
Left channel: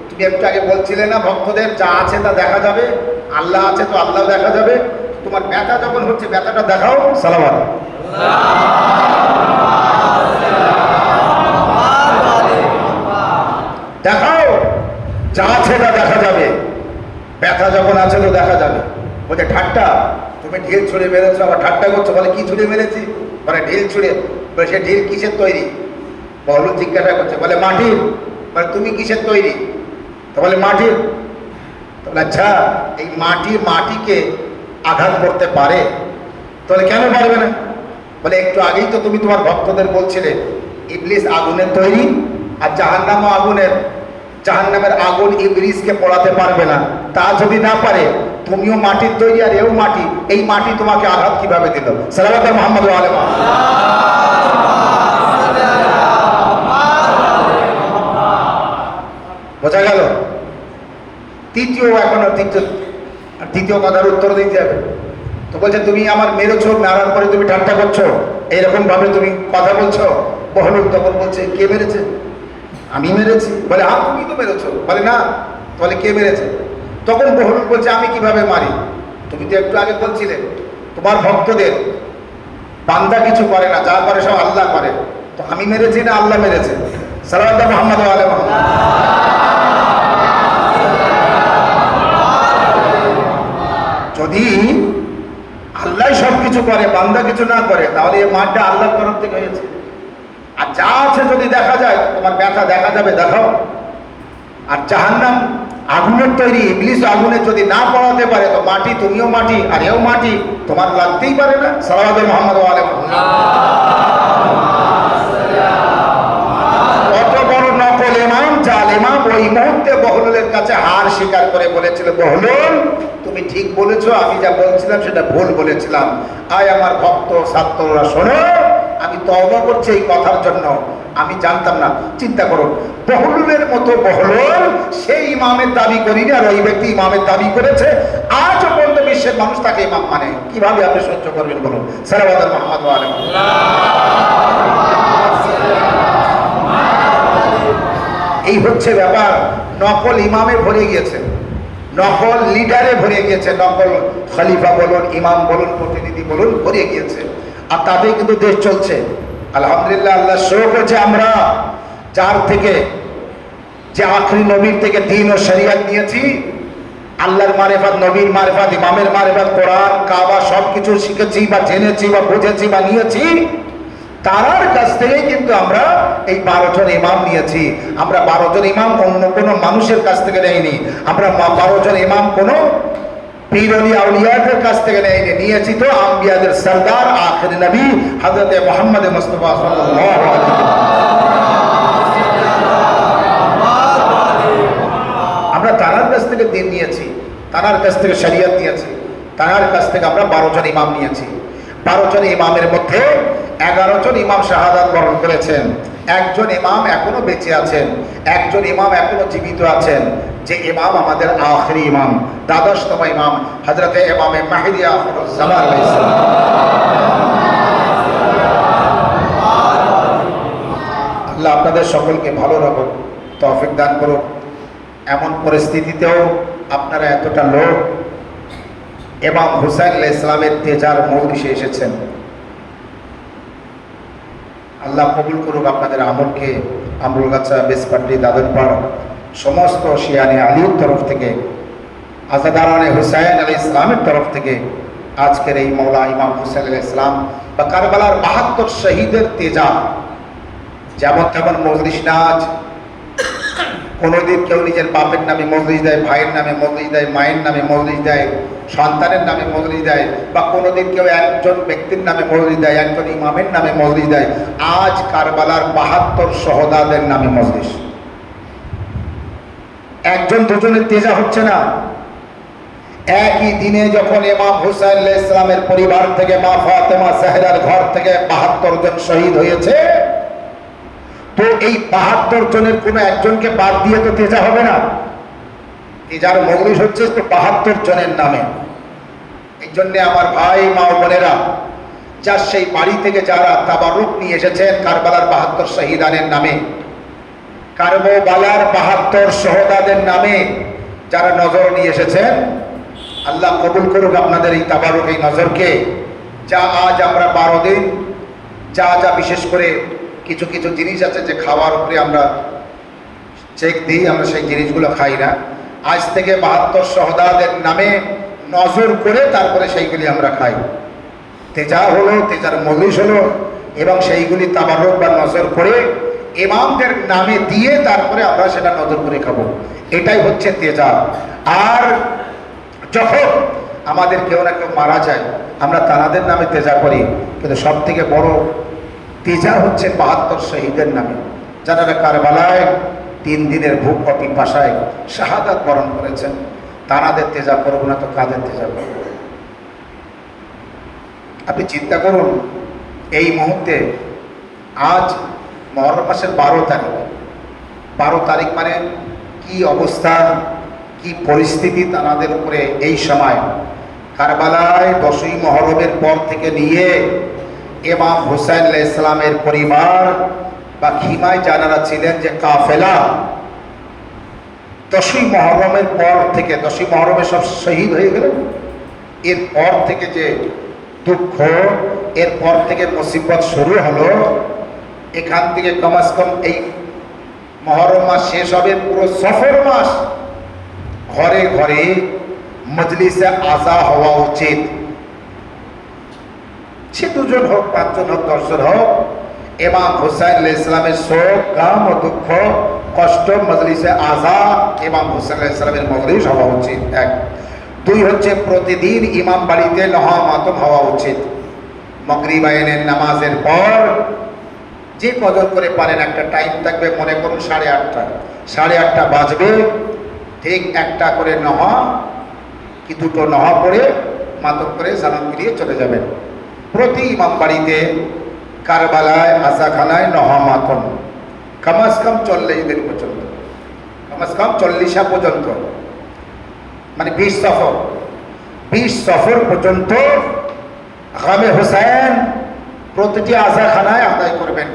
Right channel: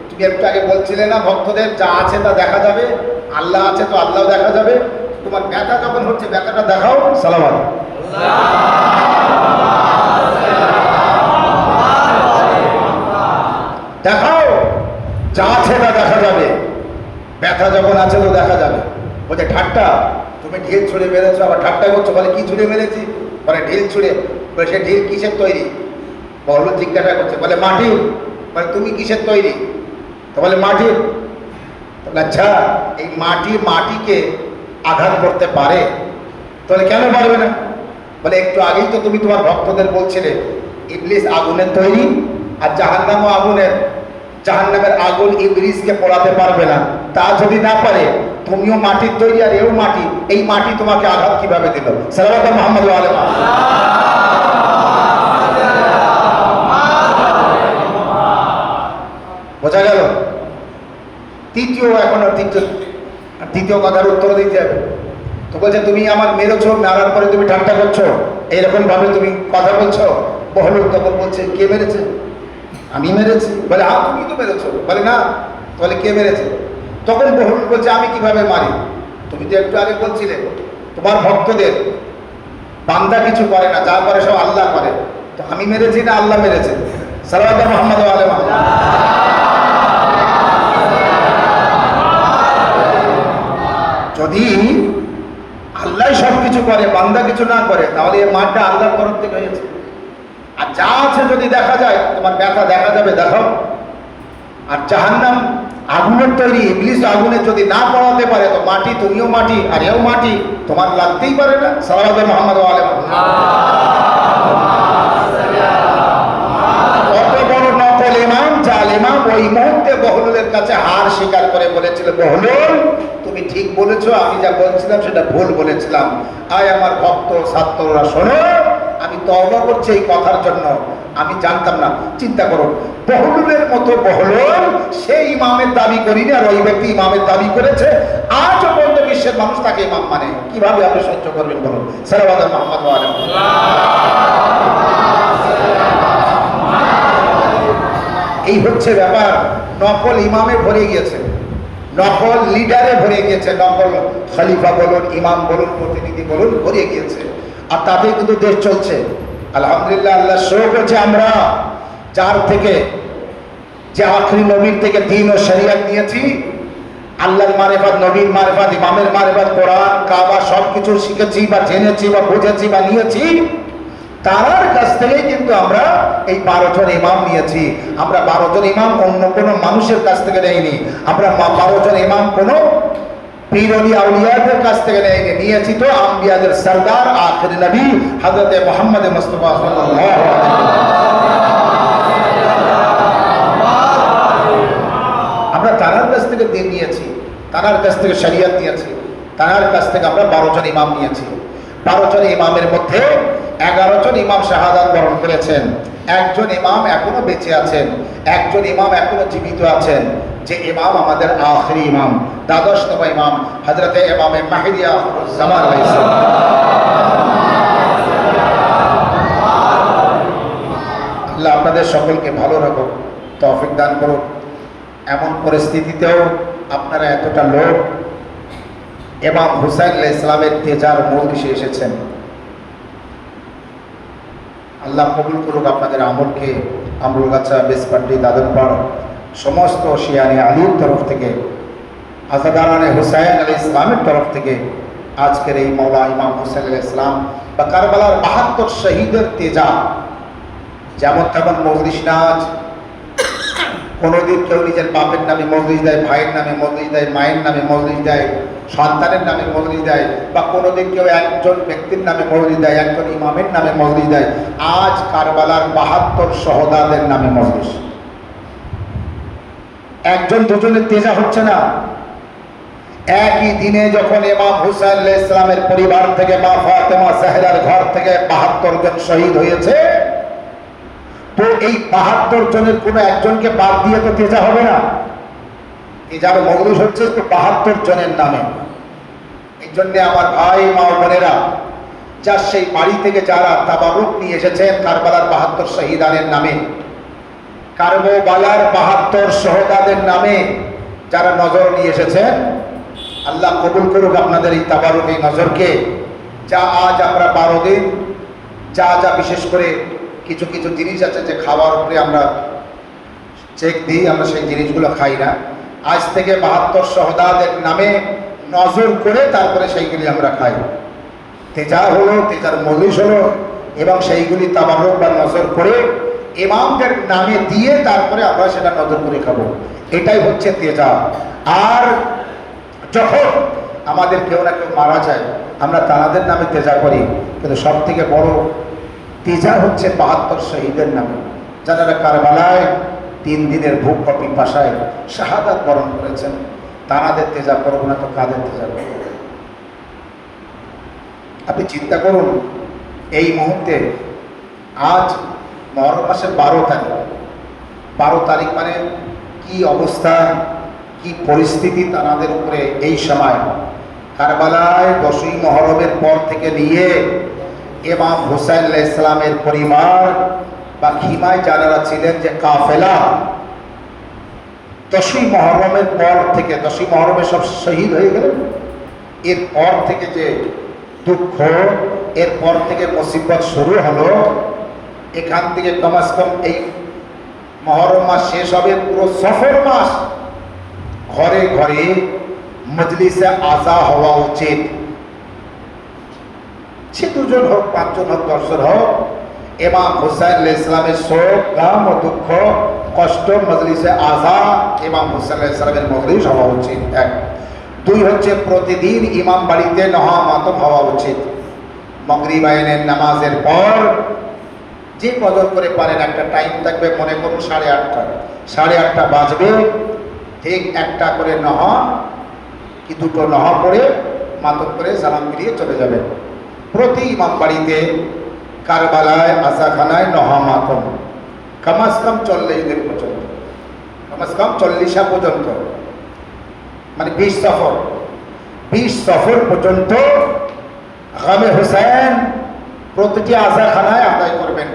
তুমি একটু আগে বলছিলে না ভক্তদের যা আছে তা দেখা যাবে, আল্লাহ আছে তো আল্লাহ দেখা যাবে, তোমার ব্যথা যখন হচ্ছে ব্যথাটা দেখাও। সালাম আলাইকুম। দেখাও, যা আছে তা দেখা যাবে, ব্যথা যখন আছে তো দেখা যাবে। বলছে ঠাট্টা, তুমি ঢিল ছুঁড়ে মেরেছো, আবার ঠাট্টা করছো। বলে কি ছুঁড়ে মেরেছি? বলে ঢিল ছুঁড়ে। বলে সে ঢিল কিসের তৈরি? বহলুল জিজ্ঞাসা করছে। বলে মাটির। বলে তুমি কিসের তৈরি? তো বলে মাটির। বলে আচ্ছা, এই মাটিকে আঘাত করতে পারে? তাহলে কেন পারবে না? বলে একটু আগেই তো তুমি তোমার ভক্তদের বলছিলে ইবলিস আগুনের তৈরি, আর জাহান্নামও আগুনের। জাহান্নামের আগুন ইবলিসকে পোড়াতে পারবে না। তা যদি না পারে, তুমিও মাটির তৈরি আর এও মাটি, এই মাটি তোমাকে আঘাত কিভাবে দিল? সালাওয়াত মুহাম্মদ ওয়া আলাইহি। বোঝা গেল? তৃতীয় কথার উত্তর দিতে হবে। তো বলছে তুমি আমার মেরেছো, মারার পরে তুমি ঠাট্টা করছো, এইরকম ভাবে তুমি কথা বলছো। বহলুল তখন বলছে কে মেরেছে? আমি মেরেছি। বলে তুমি তো মেরেছো। বলে না। বলে কে মেরেছে? তখন বহলুল বলছে আমি কিভাবে মারি? তুমি তো একটু আগে বলছিলে তোমার ভক্তদের বান্দা কিছু করে না, যা করে সব আল্লাহ করে। তো আমি মেরেছি না আল্লাহ মেরেছে? সালাওয়াত মুহাম্মদ ওয়া আলা মুহাম্মদ। যদি আল্লাহ সব কিছু করে, বান্দা কিছু না করে, তাহলে এই মারটা আল্লাহর তরফ থেকে হয়েছে। আর যা আছে যদি দেখা যায়, তোমার ব্যথা দেখা যাবে, দেখাও। আর জাহান্নাম আগুনের তৈরি, ইবলিস আগুনে যদি না পড়াতে পারে, তো মাটি, তুমিও মাটি আর এও মাটি, তোমার লাগতেই পারে না। সালাওয়াত মুহাম্মদ ওয়া আলা মুহাম্মদ। কত বড় নকল ইমাম, জাল ইমাম, ওই মুহূর্তে বহলুলের কাছে হার স্বীকার করে বলেছিল, বহলুল তুমি ঠিক বলেছো, আমি যা বলছিলাম সেটা ভুল বলেছিলাম। আয় আমার ভক্ত ছাত্ররা শোনো, আমি তওবা করছি এই কথার জন্য, আমি জানতাম না। চিন্তা করুন, বহলুলের মতো বহলুল সেই ইমামের দাবি করিনি, আর ওই ব্যক্তি ইমামের দাবি করেছে। আজও পর্যন্ত বিশ্বের মানুষ তাকে ইমাম মানে। কিভাবে আপনি সহ্য করবেন বলুন? সালাওয়াত মুহাম্মদ ওয়া আলা মুহাম্মদ। এই হচ্ছে ব্যাপার। নকল ইমামে ভরে গিয়েছে, নকল লিডারে ভরে গিয়েছে, নকল খলিফা বলুন, ইমাম বলুন, প্রতিনিধি বলুন, ভরে গিয়েছে। আর তাতে কিন্তু দেশ চলছে। আলহামদুলিল্লাহ, আল্লাহ শো করেছে আমরা যার থেকে, যে আখরি নবীর থেকে দ্বীন ও শরিয়ত নিয়েছি, আল্লাহর মারিফাত, নবীর মারিফাত, ইমামের মারিফাত, কোরআন, কাবা সবকিছু শিখেছি বা জেনেছি বা বুঝেছি বা নিয়েছি, তার কাছ থেকে কিন্তু আমরা এই 12 জন ইমাম নিয়েছি। আমরা 12 জন ইমাম অন্য কোনো মানুষের কাছ থেকে নেইনি। আমরা 12 জন ইমাম কোনো পীর ওলি আউলিয়াদের কাছ থেকে নিয়েছি তো আম্বিয়াদের সরদার আখির নবী হযরত মুহাম্মদ মুস্তাফা সাল্লাল্লাহু আলাইহি ওয়াসাল্লাম। আমরা তার কাছ থেকে দিন নিয়েছি, তার কাছ থেকে শরীয়ত নিয়েছি, তার কাছ থেকে আমরা 12 জন ইমাম নিয়েছি। 12 জন ইমামের মধ্যে 11 জন ইমাম শাহাদাত বরণ করেছেন, একজন ইমাম এখনো বেঁচে আছেন, একজন ইমাম এখনো জীবিত আছেন, যে ইমাম আমাদের আখিরি ইমাম, দ্বাদশতম ইমাম হযরত ইমাম মাহদী জামান আলাইহিস সালাম। আল্লাহ আপনাদের সকলকে ভালো রাখুক, তৌফিক দান করুক। এমন পরিস্থিতিতেও আপনারা এতটা লোক ইমাম হুসাইন আলাইহিস সালামের তেজার মজলিসে এসেছেন। আল্লাহ কবুল করুক আপনাদের আমলকে। আমরুলগাছা, বেসপাট্টি, দাদনপাড় সমস্ত শিয়ানে আলীর তরফ থেকে, আজাদারানে হুসাইন আলাইহিস সালামের তরফ থেকে আজকের এই মাওলা ইমাম হুসাইন আলাইহিস সালাম বা কারবালার 72 শহীদের তেজা, যেমন তেমন মজলিস না। আজ কোনোদিন কেউ নিজের বাপের নামে মজলিস দেয়, ভাইয়ের নামে মজলিস দেয়, মায়ের নামে মজলিস দেয়, সন্তানের নামে মজলিস দেয়, বা কোনোদিন কেউ একজন ব্যক্তির নামে মজলিস দেয়, একজন ইমামের নামে মজলিস দেয়। আজ কারবালার 72 শহীদের নামে মজলিস। একজন দুজনের তেজা হচ্ছে না, একই দিনে যখন ইমাম হুসাইন আলাইহিস সালামের পরিবার থেকে মা ফাতেমা জাহরার ঘর থেকে ৭২ জন শহীদ হয়েছে, তো এই ৭২ জনের কোনো একজনকে বাদ দিয়ে তো তেজা হবে না। তেজার মজলিস হচ্ছে তো ৭২ জনের নামে। এই জন্য আমার ভাই মা ও বোনেরা, যার সেই বাড়ি থেকে যারা তাবারুক নিয়ে এসেছেন কারবালার ৭২ শহীদানের নামে, কারবালার ৭২ শহীদাদের নামে যারা নজর নিয়ে এসেছেন, আল্লাহ কবুল করুক আপনাদের এই তাবারুক, এই নজরকে। যা আজ আমরা 12 দিন যা যা বিশেষ করে কিছু কিছু জিনিস আছে যে খাওয়ার উপরে আমরা চেক দিই, আমরা সেই জিনিসগুলো খাই না। আজ থেকে ৭২ শহীদাদের নামে নজর করে তারপরে সেইগুলি আমরা খাই। তেজা হলো, তেজার মজলিস হলো, এবং সেইগুলি তাবারুক বা নজর করে ইমামদের নামে দিয়ে তারপরে আমরা সেটা নজর করে খাবো। এটাই হচ্ছে তেজা। আর যখন আমাদের কেউ না কেউ মারা যায়, আমরা তাদের নামে তেজা করি, কিন্তু সব থেকে বড় তেজা হচ্ছে ৭২ শহীদের নামে, যারা কারবালায় 3 দিনের ভূখ পিপাসায় শাহাদাত বরণ করেছেন। তাদের তেজা করবো না তো কাদের তেজা করবো? আপনি চিন্তা করুন, এই মুহূর্তে আজ মহরম মাসের 12 তারিখ। 12 তারিখ মানে কি অবস্থা, কি পরিস্থিতি তাদের উপরে এই সময়। কারবালায় 10ই মহরমের পর থেকে নিয়ে ইমাম হুসাইন আলাইহিস সালামের পরিবার বা খিমায় যারা ছিলেন, যে কাফেলা 10ই মহরমের পর থেকে, 10ই মহরমে সব শহীদ হয়ে গেলেন। এরপর থেকে যে দুঃখ, এরপর থেকে মুসিবত শুরু হলো। এখান থেকে কমাস কম এই মহরম মাস শেষ হবে, পুরো সফর মাস ঘরে ঘরে মজলিসে আজা হওয়া উচিত। সে 2 জন হোক, 5 জন হোক, 10 জন হোক, ইমাম হুসাইন আলাইহিস সালামের শোক, গাম ও দুঃখ, কষ্ট মজলিসে আজা ইমাম হুসাইন আলাইহিস সালামের মজলিস হওয়া উচিত। 1। 2 হচ্ছে প্রতিদিন ইমাম বাড়িতে নহামাতম হওয়া উচিত। মাগরিব আইনের নামাজের পর যে কদর করে পারেন একটা টাইম থাকবে, মনে করুন 8:30, 8:30 বাজবে, ঠিক একটা করে নহা কি 2টো নহা পড়ে মাতম করে সালাম দিয়ে চলে যাবেন। প্রতি ইমাম বাড়িতে কারবালায় আসাখানায় নহা মাতম কমাস কম 40 দিন পর্যন্ত, কমাস কম 40 পর্যন্ত, মানে 20 সফর, 20 সফর পর্যন্ত গামে হুসাইন প্রতিটি আজাখানায় আদায় করবেন।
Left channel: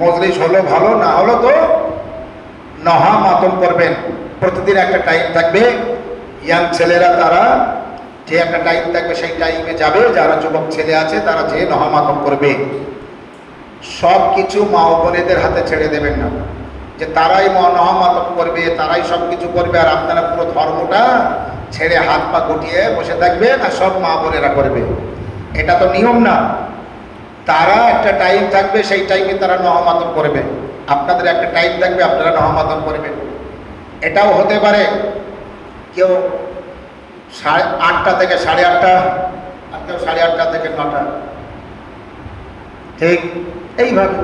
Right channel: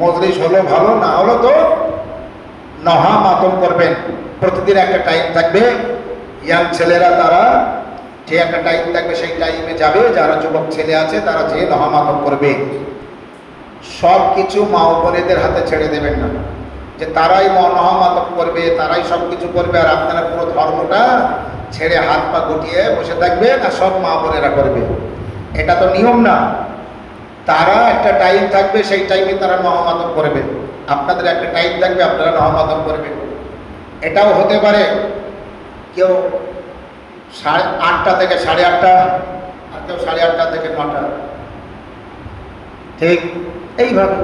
মজলিস হলো ভালো, না হলো তো নহা মাতম করবেন। প্রতিদিন একটা টাইম থাকবে, ইয়াং ছেলেরা তারা যে একটা টাইম থাকবে সেই টাইমে যাবে, যারা যুবক ছেলে আছে তারা যে নহা মাতম করবে। সব কিছু মা ও বোনেদের হাতে ছেড়ে দেবেন না, যে তারাই নহা মাতম করবে, তারাই সব কিছু করবে, আর আপনারা পুরো ধর্মটা ছেড়ে হাত পা গুটিয়ে বসে থাকবেন আর সব মা বোনেরা করবে। এটা তো নিয়ম না। তারা একটা টাইম থাকবে, সেই টাইমে তারা নহা মাতম করবে। আপনাদের একটা টাইম থাকবে, আপনারা নহা মাতম করবেন। এটাও হতে পারে কেউ 8:30 থেকে 8:30, আর কেউ 8:30 থেকে 9টা, ঠিক এইভাবে।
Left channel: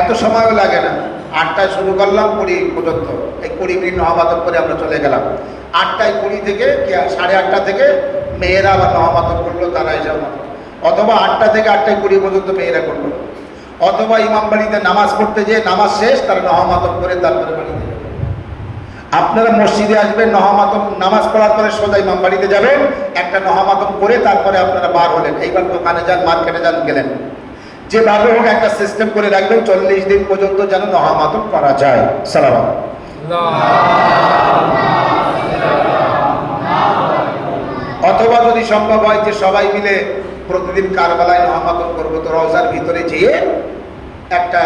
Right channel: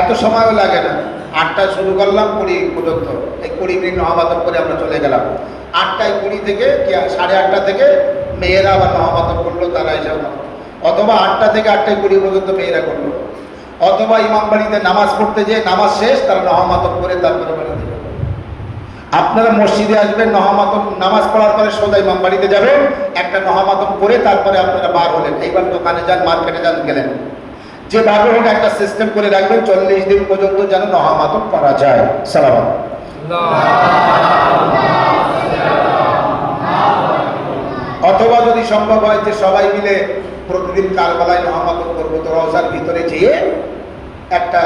এত সময়ও লাগে না। 8টায় শুরু করলাম 20 পর্যন্ত, এই 20 মিনিট নহা মাতম করে আমরা চলে গেলাম। 8:20 থেকে 8:30 থেকে মেয়েরা আবার নহা মাতম করলো, তারা এসে, অথবা 8টা থেকে 8:20 পর্যন্ত মেয়েরা করলো, অথবা ইমাম বাড়িতে নামাজ পড়তে যেয়ে নামাজ শেষ, তারা নহা মাতম করে তারপরে বাড়িতে যাবে। আপনারা মসজিদে আসবেন, নহা মাতম নামাজ পড়ার পরে সোজা ইমাম বাড়িতে যাবেন, একটা নহা মাতম করে তারপরে আপনারা বার হলেন। এইবার দোকানে যান, মার্কেটে যান, গেলেন, যেভাবে হোক একটা সিস্টেম করে রাখবেন 40 দিন পর্যন্ত যেন নহা মাতম করা যায়। সালাম। অথবা যদি সম্ভব হয় যে সবাই মিলে প্রতিদিন কারবালায় নহা মাতম করবো, তো রওজার ভিতরে যেয়ে একটা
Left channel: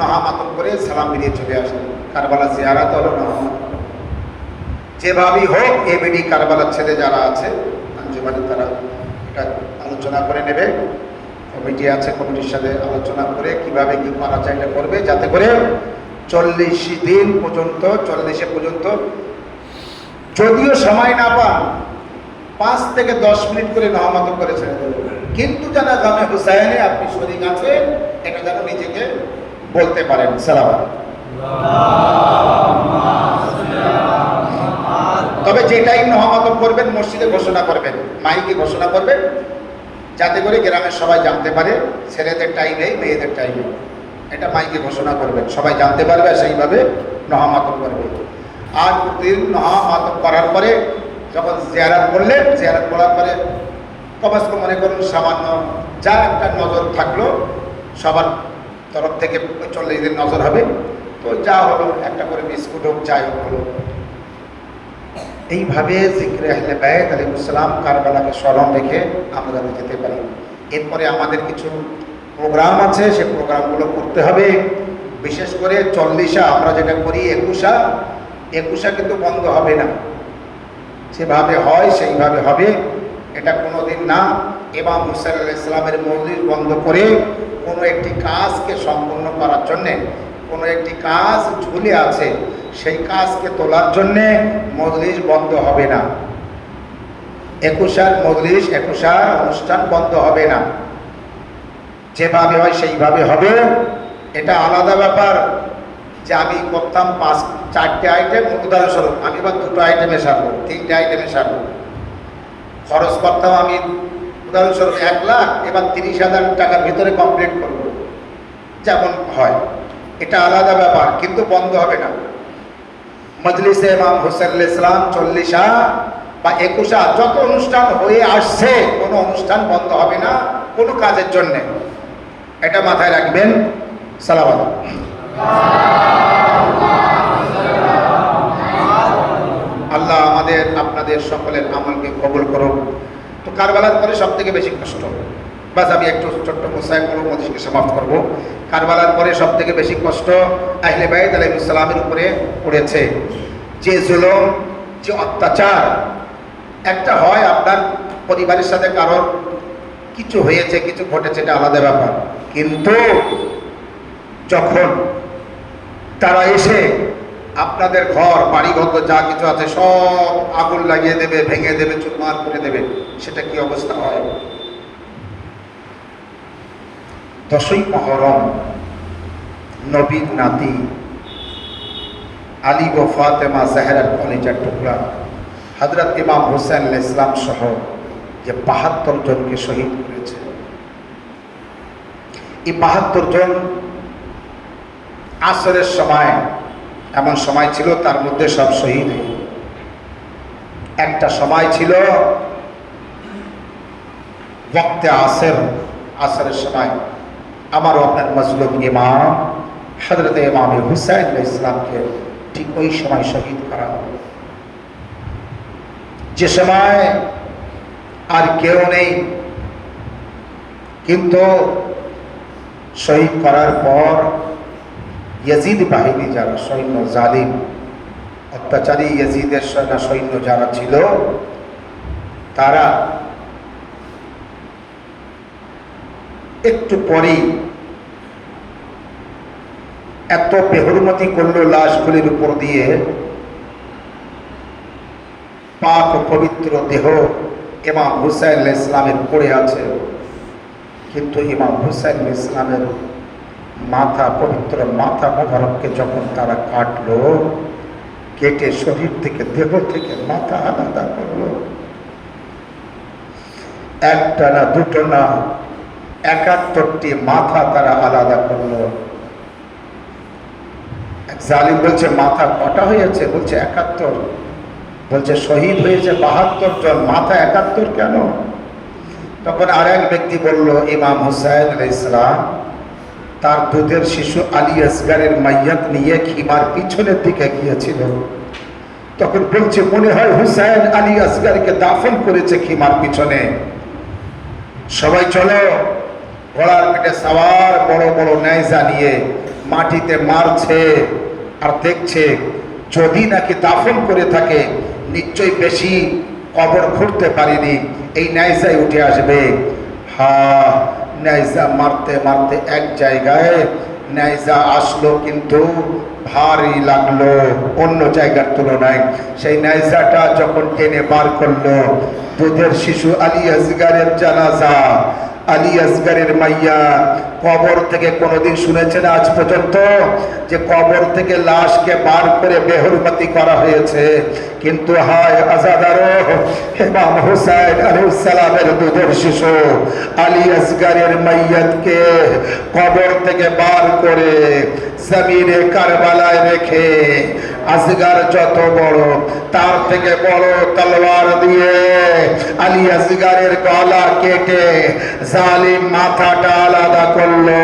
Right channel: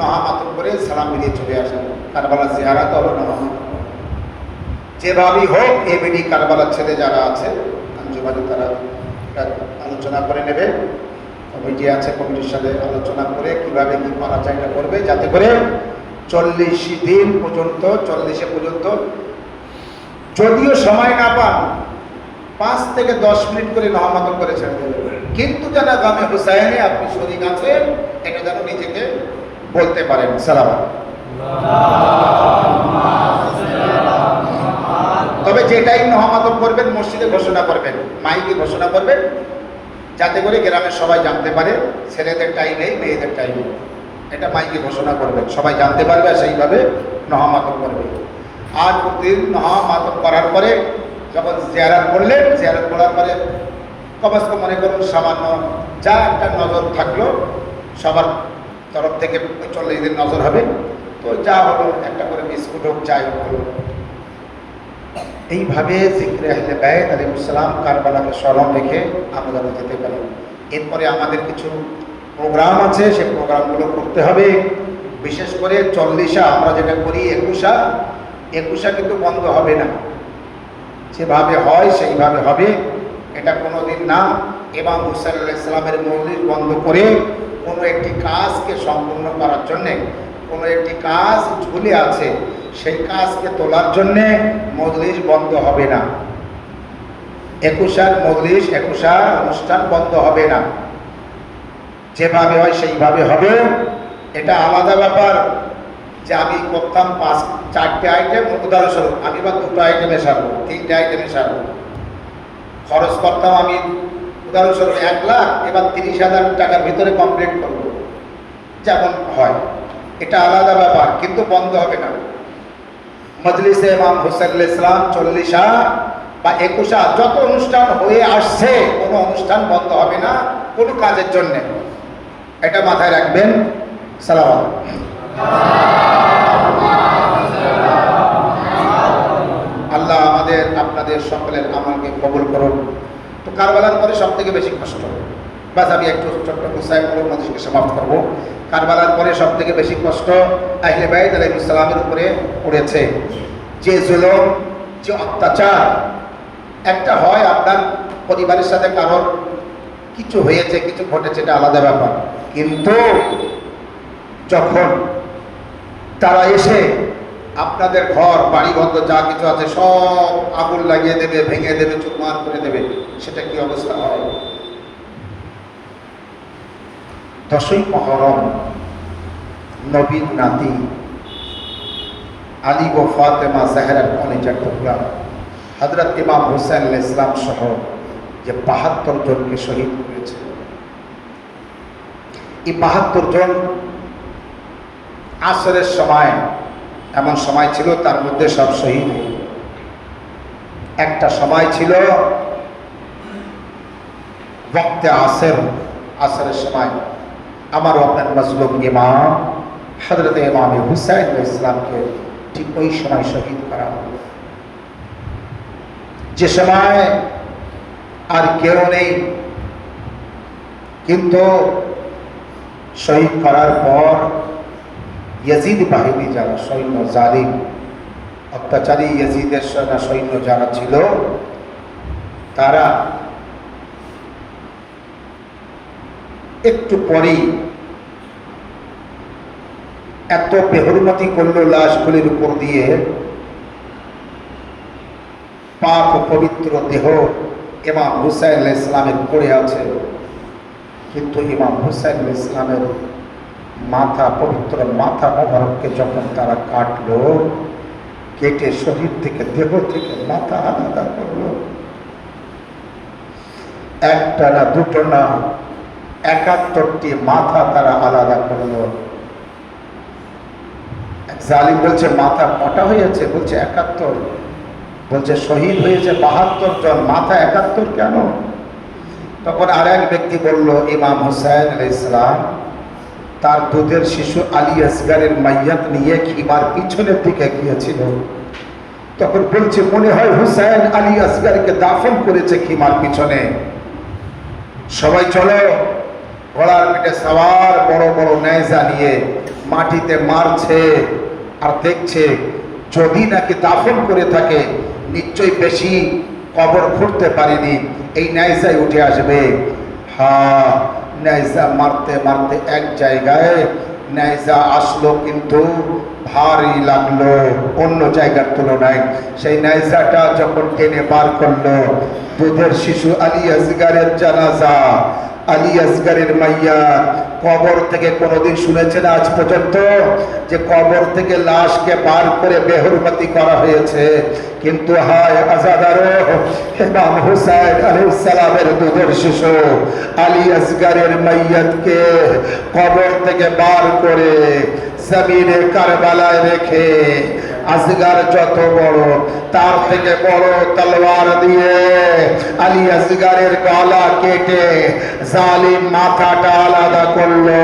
নহা মাতম করে সালাম মিলিয়ে চলে আসেন। কারবালা জিয়ারাত হলো নহা মাতম। যেভাবেই হোক এবিডি কারবালার ছেলে যারা আছে আঞ্জুমানে, তারা একটা আলোচনা করে নেবে। কমিটি আছে, কমিটির সাথে আলোচনা করে কিভাবে কি করা যায় করবে, যাতে করে 40 দিন পর্যন্ত, 40 পর্যন্ত যদিও সময় না পান 5 থেকে 10 মিনিট করে নহা মাতম করে ছেড়ে দেবে। কিন্তু যারা গামে হুসাইনে আপনি শরীক আছেন, এটা যেন নিজেকে বলতে পারেন। সালাম। তবে যেটাই নহমাতম করবেন মসজিদে ঘোষণা করবেন, মাইকে ঘোষণা করবেন, যাতে করে গ্রামের সবাই জানতে পারে ছেলেদের টাইম নেই, মেয়েদের টাইম নেই। এটা মাইকে ঘোষণা করবেন, সবাই জানতে পারবে, সেইভাবে নহমাতম করবে। আর প্রতিদিন নহমাতম করার পরে যখন জিয়ারত করলেন, জিয়ারত করার পরে কমাস কম মনে করুন সামান্য যা একটা নজর থাকলো, সবার তরফ থেকে 40 দিন নজর হবে, তো যা হলো একটা করে বিস্কুট হোক, চাই হলো। এইভাবে জিকরে আহলে বাইত আলাইহিস সালাম কারবালাকে স্মরণ রেখে আমরা যেতে পারি। এরপরে আমাদের কিছু প্রোগ্রাম আছে, সেই প্রোগ্রামগুলো করতে হবে। বিশেষ করে 40 আমরা যেটা করি 21 কিন্তু বন্ধ হবে না, যেভাবে হয় সেইভাবে হবে, এটা কোনো দিন না। ইমাম হুসাইন আলাইহিস সালামের মৌলিদ বন্ধ করে কোনো একটি কাজকে সম্পূর্ণ করার জন্যে, কোনো একটি কাজ ঝুলে আছে সেই কাজকে তোলার জন্যে মজলিস বন্ধ হবে না। 21 মজলিস 21 অনুষ্ঠান বন্ধ হবে না, যেভাবে হয় সেইভাবে হবে। এটা আলাদা ব্যাপার যে আমি করতাম 4টে আইটেম, উদাহরণস্বরূপ আমি বা 2টো আইটেমে সারবো, 3টে আইটেমে সারবো, খরচ করতাম আমি উদাহরণস্বরূপ 1 লাখ, এবার 30,000 টাকার ভিতরে কমপ্লিট করবো, যেমন হয়, এটা আলাদা ব্যাপার, কিন্তু বন্ধ হবে না। মজলিসে ইমাম হুসাইন আলাইহিস সালাম 40 বা 21 যত অনুষ্ঠান হয়ে আসছে, কোনো অনুষ্ঠান বন্ধ হবে না কোনো কাজের জন্য, এটা মাথায় রাখবেন। সালাওয়াত। আল্লাহ আমাদের আপনাদের সকলের আমলকে কবুল করুন। তো কারবালার পরে সব থেকে বেশি কষ্ট, বাস আমি একটু ছোট্ট মুসাইল করবো, মধ্যে সমাপ্ত করবো। কারবালার পরে সব থেকে বেশি কষ্ট আহলে বাইত আলাইহিস সালামের উপরে পড়েছে। যে জুলুম, যে অত্যাচার, একটা হয় আপনার পরিবারের সাথে কারোর কিছু হয়েছে, কিছু ঘটেছে, এটা আলাদা ব্যাপার, কিন্তু যখন তারা এসে আপনাদের ঘর বাড়িঘর যা কিছু আছে সব আগুন লাগিয়ে দেবে, ভেঙে দেবে, চুরমার করে দেবে, সেটা কি অবস্থা হয়? 10ই মুহররম নবীর নাতি আলী ও ফাতেমা জাহরার কলেজার টুকরা হযরত ইমাম হুসাইন আলাইহিস সালাম সহ যে 72 জনকে শহীদ করেছে, এই 72 জন আসরের সময় এমন সময় ছিল তার মধ্যে সব শহীদ। একটা সময় ছিল ওয়াক্তে আসরের সময় আমারও আপনার মজলুম ইমাম হযরত ইমাম হুসাইন আলাইহিস সালামকে ঠিক ওই সময় শহীদ করা হলো, যে সময় আর কেউ নেই। কিন্তু শহীদ করার পর ইয়াজিদ বাহিনী যারা সৈন্য, জালিম অত্যাচারী ইয়াজিদের সৈন্য যারা ছিল, তারা একটু পরেই এত বেহুরমতি করলো লাশগুলির উপর দিয়ে, পাক ও পবিত্র দেহ ইমাম হুসাইন আলাইহিস সালামের পড়ে আছে, কিন্তু ইমাম হুসাইন আলাইহিস সালামের মাথা, পবিত্র মাথা মোবারককে যখন তারা কাটলো, কেটে শরীর থেকে, দেহ থেকে মাথা আলাদা করলো, একটা না দুটো না 71টি মাথা তারা আলাদা করলো। জালিম বলছে মাথা কটা হয়েছে? বলছে 71। বলছে শহীদ হয়েছে 72 জন, মাথা 71 কেন? তখন আর এক ব্যক্তি বলল, ইমাম হুসাইন আলাইহিস সালাম তার দুধের শিশু আলী আসগারের মাইয়াত নিয়ে খিমার পিছনের দিকে গিয়েছিল। তখন বলছে মনে হয় হুসাইন আলী আসগারকে দাফন করেছে খিমার পিছনে। সবাই চলো, ঘোড়ার পিঠে সওয়ার বড় বড় নেজা নিয়ে মাটিতে মারছে আর দেখছে যদি নাকি দাফন করে থাকে নিশ্চয়ই বেশি কবর খুঁড়তে পারেনি, এই নেজায় উঠে আসবে। হ্যাঁ, নেজা মারতে মারতে এক জায়গায় নেজা আসলো, কিন্তু ভারী লাগলো অন্য জায়গার তুলনায়। সেই নেজাটা যখন টেনে বার করলো, দুধের শিশু আলী আসগারের জানাজা আলী আসগরের মাইয়া। কবর থেকে কোনোদিন শুনেছেন আজ পর্যন্ত যে কবর থেকে লাশকে বার করে বেহুরমতি করা হয়েছে? কিন্তু হায় আজাদারো, ইমাম হুসাইন আলাইহিস সালামের দুধের শিশু আলী আসগরের মাইয়াতকে কবর থেকে বার করে জমিনে কারবালায় রেখে আসগর যত বড়, তার থেকে বড় তলোয়ার দিয়ে আলী আসগরের গলা কেটে জালিম মাথাটা আলাদা করলো।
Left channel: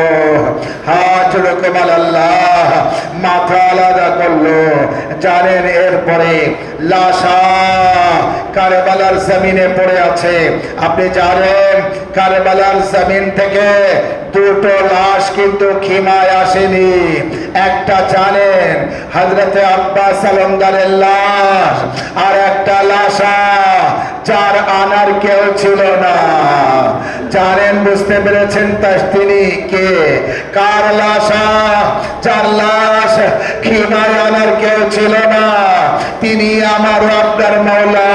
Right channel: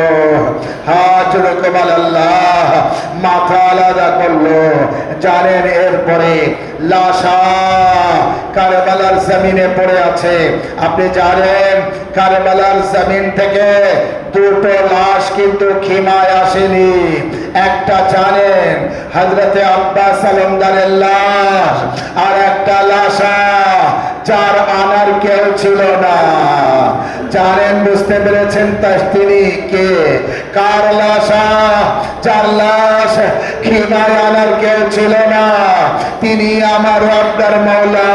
হাজ রকমাল আল্লাহ, মাথা আলাদা করলো। জানেন এরপরে লাশা কারবালার জমিনে পড়ে আছে। আপনি জানেন কারবালার জমিন থেকে দুটো লাশ কিন্তু খিমায় আসেনি। একটা জানেন হযরতে আব্বাস আলমদারের লাশ, আর একটা লাশা যার আনার কেউ ছিল না। জানেন, বুঝতে পেরেছেন তিনি কে? কার লাশা? যার লাশ খিমায় আনার কেউ ছিল না, তিনি আমার আপনার মাওলা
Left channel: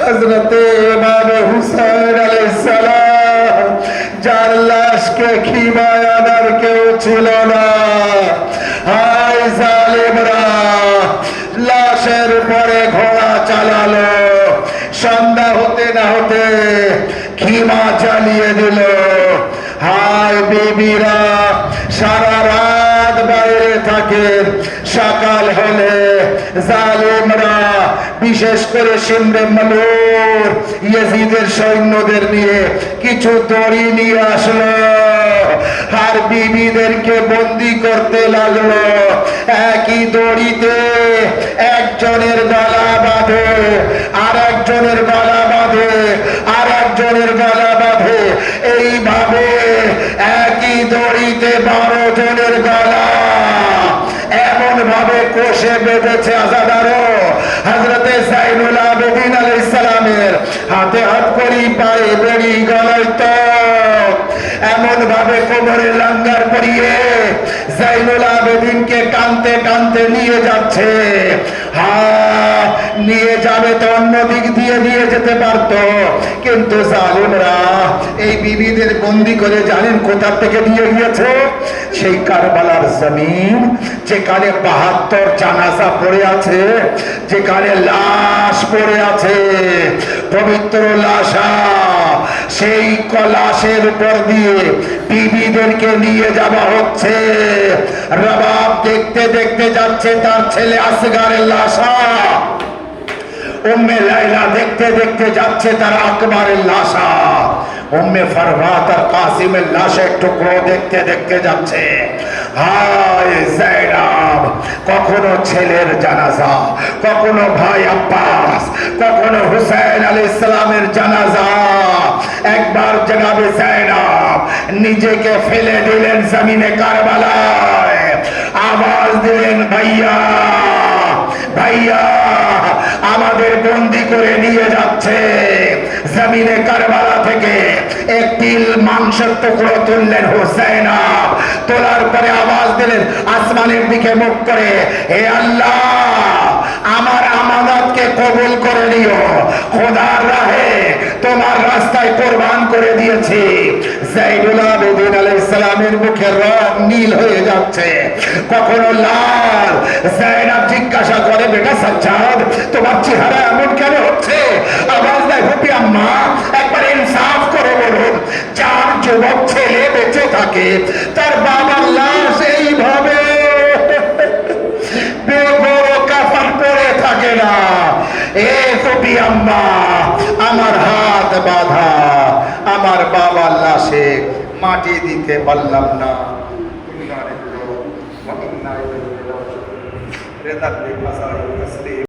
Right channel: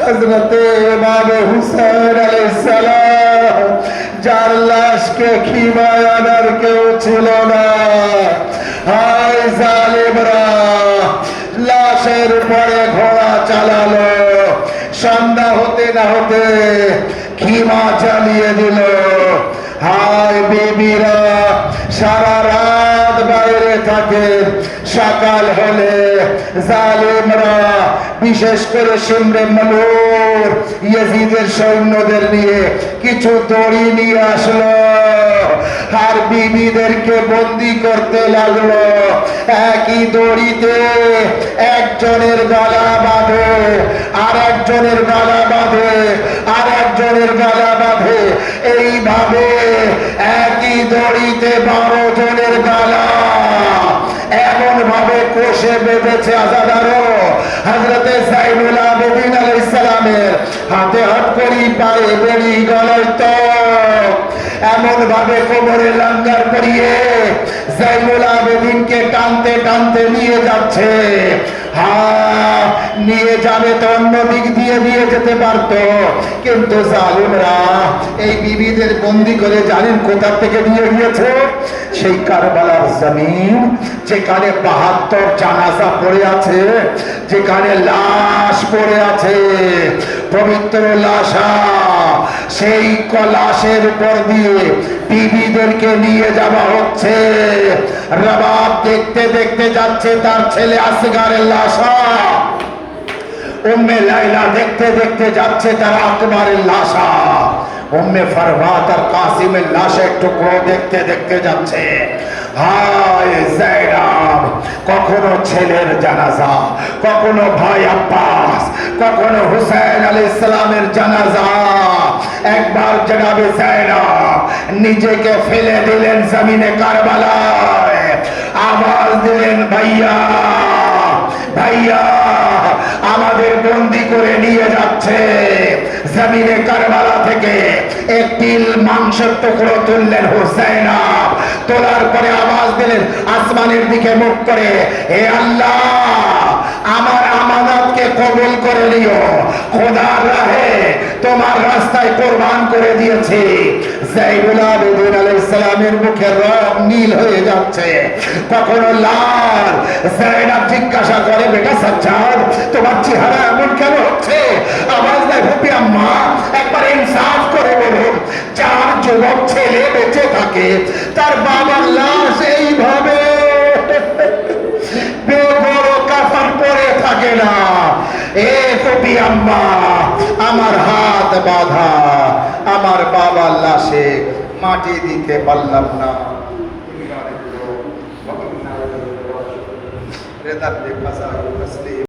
হযরতে ইমাম হুসাইন আলাইহিস সালাম, যার লাশকে খিমায় আনার কেউ ছিল না। হায় জালিমরা, লাশের পরে ঘোড়া চালালো, সন্ধ্যা হতে না হতে খিমা চালিয়ে দিল। হায় বিবিরা সারা রাত বাইরে থাকে, সকাল হলে জালিমরা বিশেষ করে সিন্ধে মালুর ইয়াজিদের সৈন্যদের নিয়ে কিছু দড়ি নিয়ে আসলো, আর বিবিদেরকে বন্দি করতে লাগলো। একই দড়িতে একজনের গলা বাঁধে, আর একজনের গলা বাঁধে, আর একজনের গলা বাঁধে। এইভাবে একই দড়িতে 12 জনের গলা এমন ভাবে কোষে বেঁধেছে আজাদারো। হযরতে যাইনুল আবেদিন আলাইহিস সালামের হাতে হাত করি, পায়ে বেড়ি, গলায় তক, এমন ভাবে কোমরে লঙ্গর করিয়ে যাইনুল আবেদিনকে টানতে টানতে নিয়ে যাচ্ছে। নিয়ে যাবে তো অন্য দিক দিয়ে যেতে পারতো, কিন্তু জালিমরা এই বিবিদের বন্দি করে জানেন কোথা থেকে দিয়ে গিয়েছে? সেই কারবালার জমিন, যেখানে 72 জানাজা পড়ে আছে, যেখানে লাশ পড়ে আছে, পবিত্র লাশা, সেই লাশের উপর দিয়ে বিবিদেরকে নিয়ে যাওয়া হচ্ছে। রবাব দেখতে দেখতে যাচ্ছে তার ছেলে আসগরের লাশা, উম্মে লাইলা দেখতে দেখতে যাচ্ছে তার আকবরের লাশা, উম্মে ফারওয়াত আর কাসিমের লাশের টুকরো দেখতে দেখতে যাচ্ছে। হায় যায়নাব, কখনো ছেলের জানাজা, কখনো ভাই আব্বাস, কখনো হুসাইন আলাইহিস সালামের জানাজা। একবার জনাবে যায়নাব নিজেকে ফেলে দিলেন জমিনে কারবালায়, আওয়াজ দিলেন, ভাইয়া ভাইয়া, আমাদের বন্দি করে নিয়ে যাচ্ছে। জমিনে কারবালা থেকে একটি মাংসের টুকরো তুললেন হুসাইনা, তোলার পরে আওয়াজ দিলেন আসমানের দিকে মুখ করে, হে আল্লাহ, আমার আমানতকে কবুল করে নিও, খোদার রাহে তোমার রাস্তায় কোরবান করে দিয়েছি। যাইনুল আবেদিন আলাইহিস সালামের মুখের রং নীল হয়ে যাচ্ছে, কখনো লাল। যায়নাব জিজ্ঞাসা করে, বেটা সাজ্জাদ, তোমার চেহারা এমন কেন হচ্ছে? আওয়াজ দেয়, হুপি আম্মা, একবার ইনসাফ করে বলুন, যার যুবক ছেলে বেঁচে থাকে তার বাবার লাশ এইভাবে বেগরো কাফন পরে থাকে না। এ হুপি আম্মা, আমার হাত বাঁধা, আমার বাবার লাশে মাটি দিতে পারলাম না।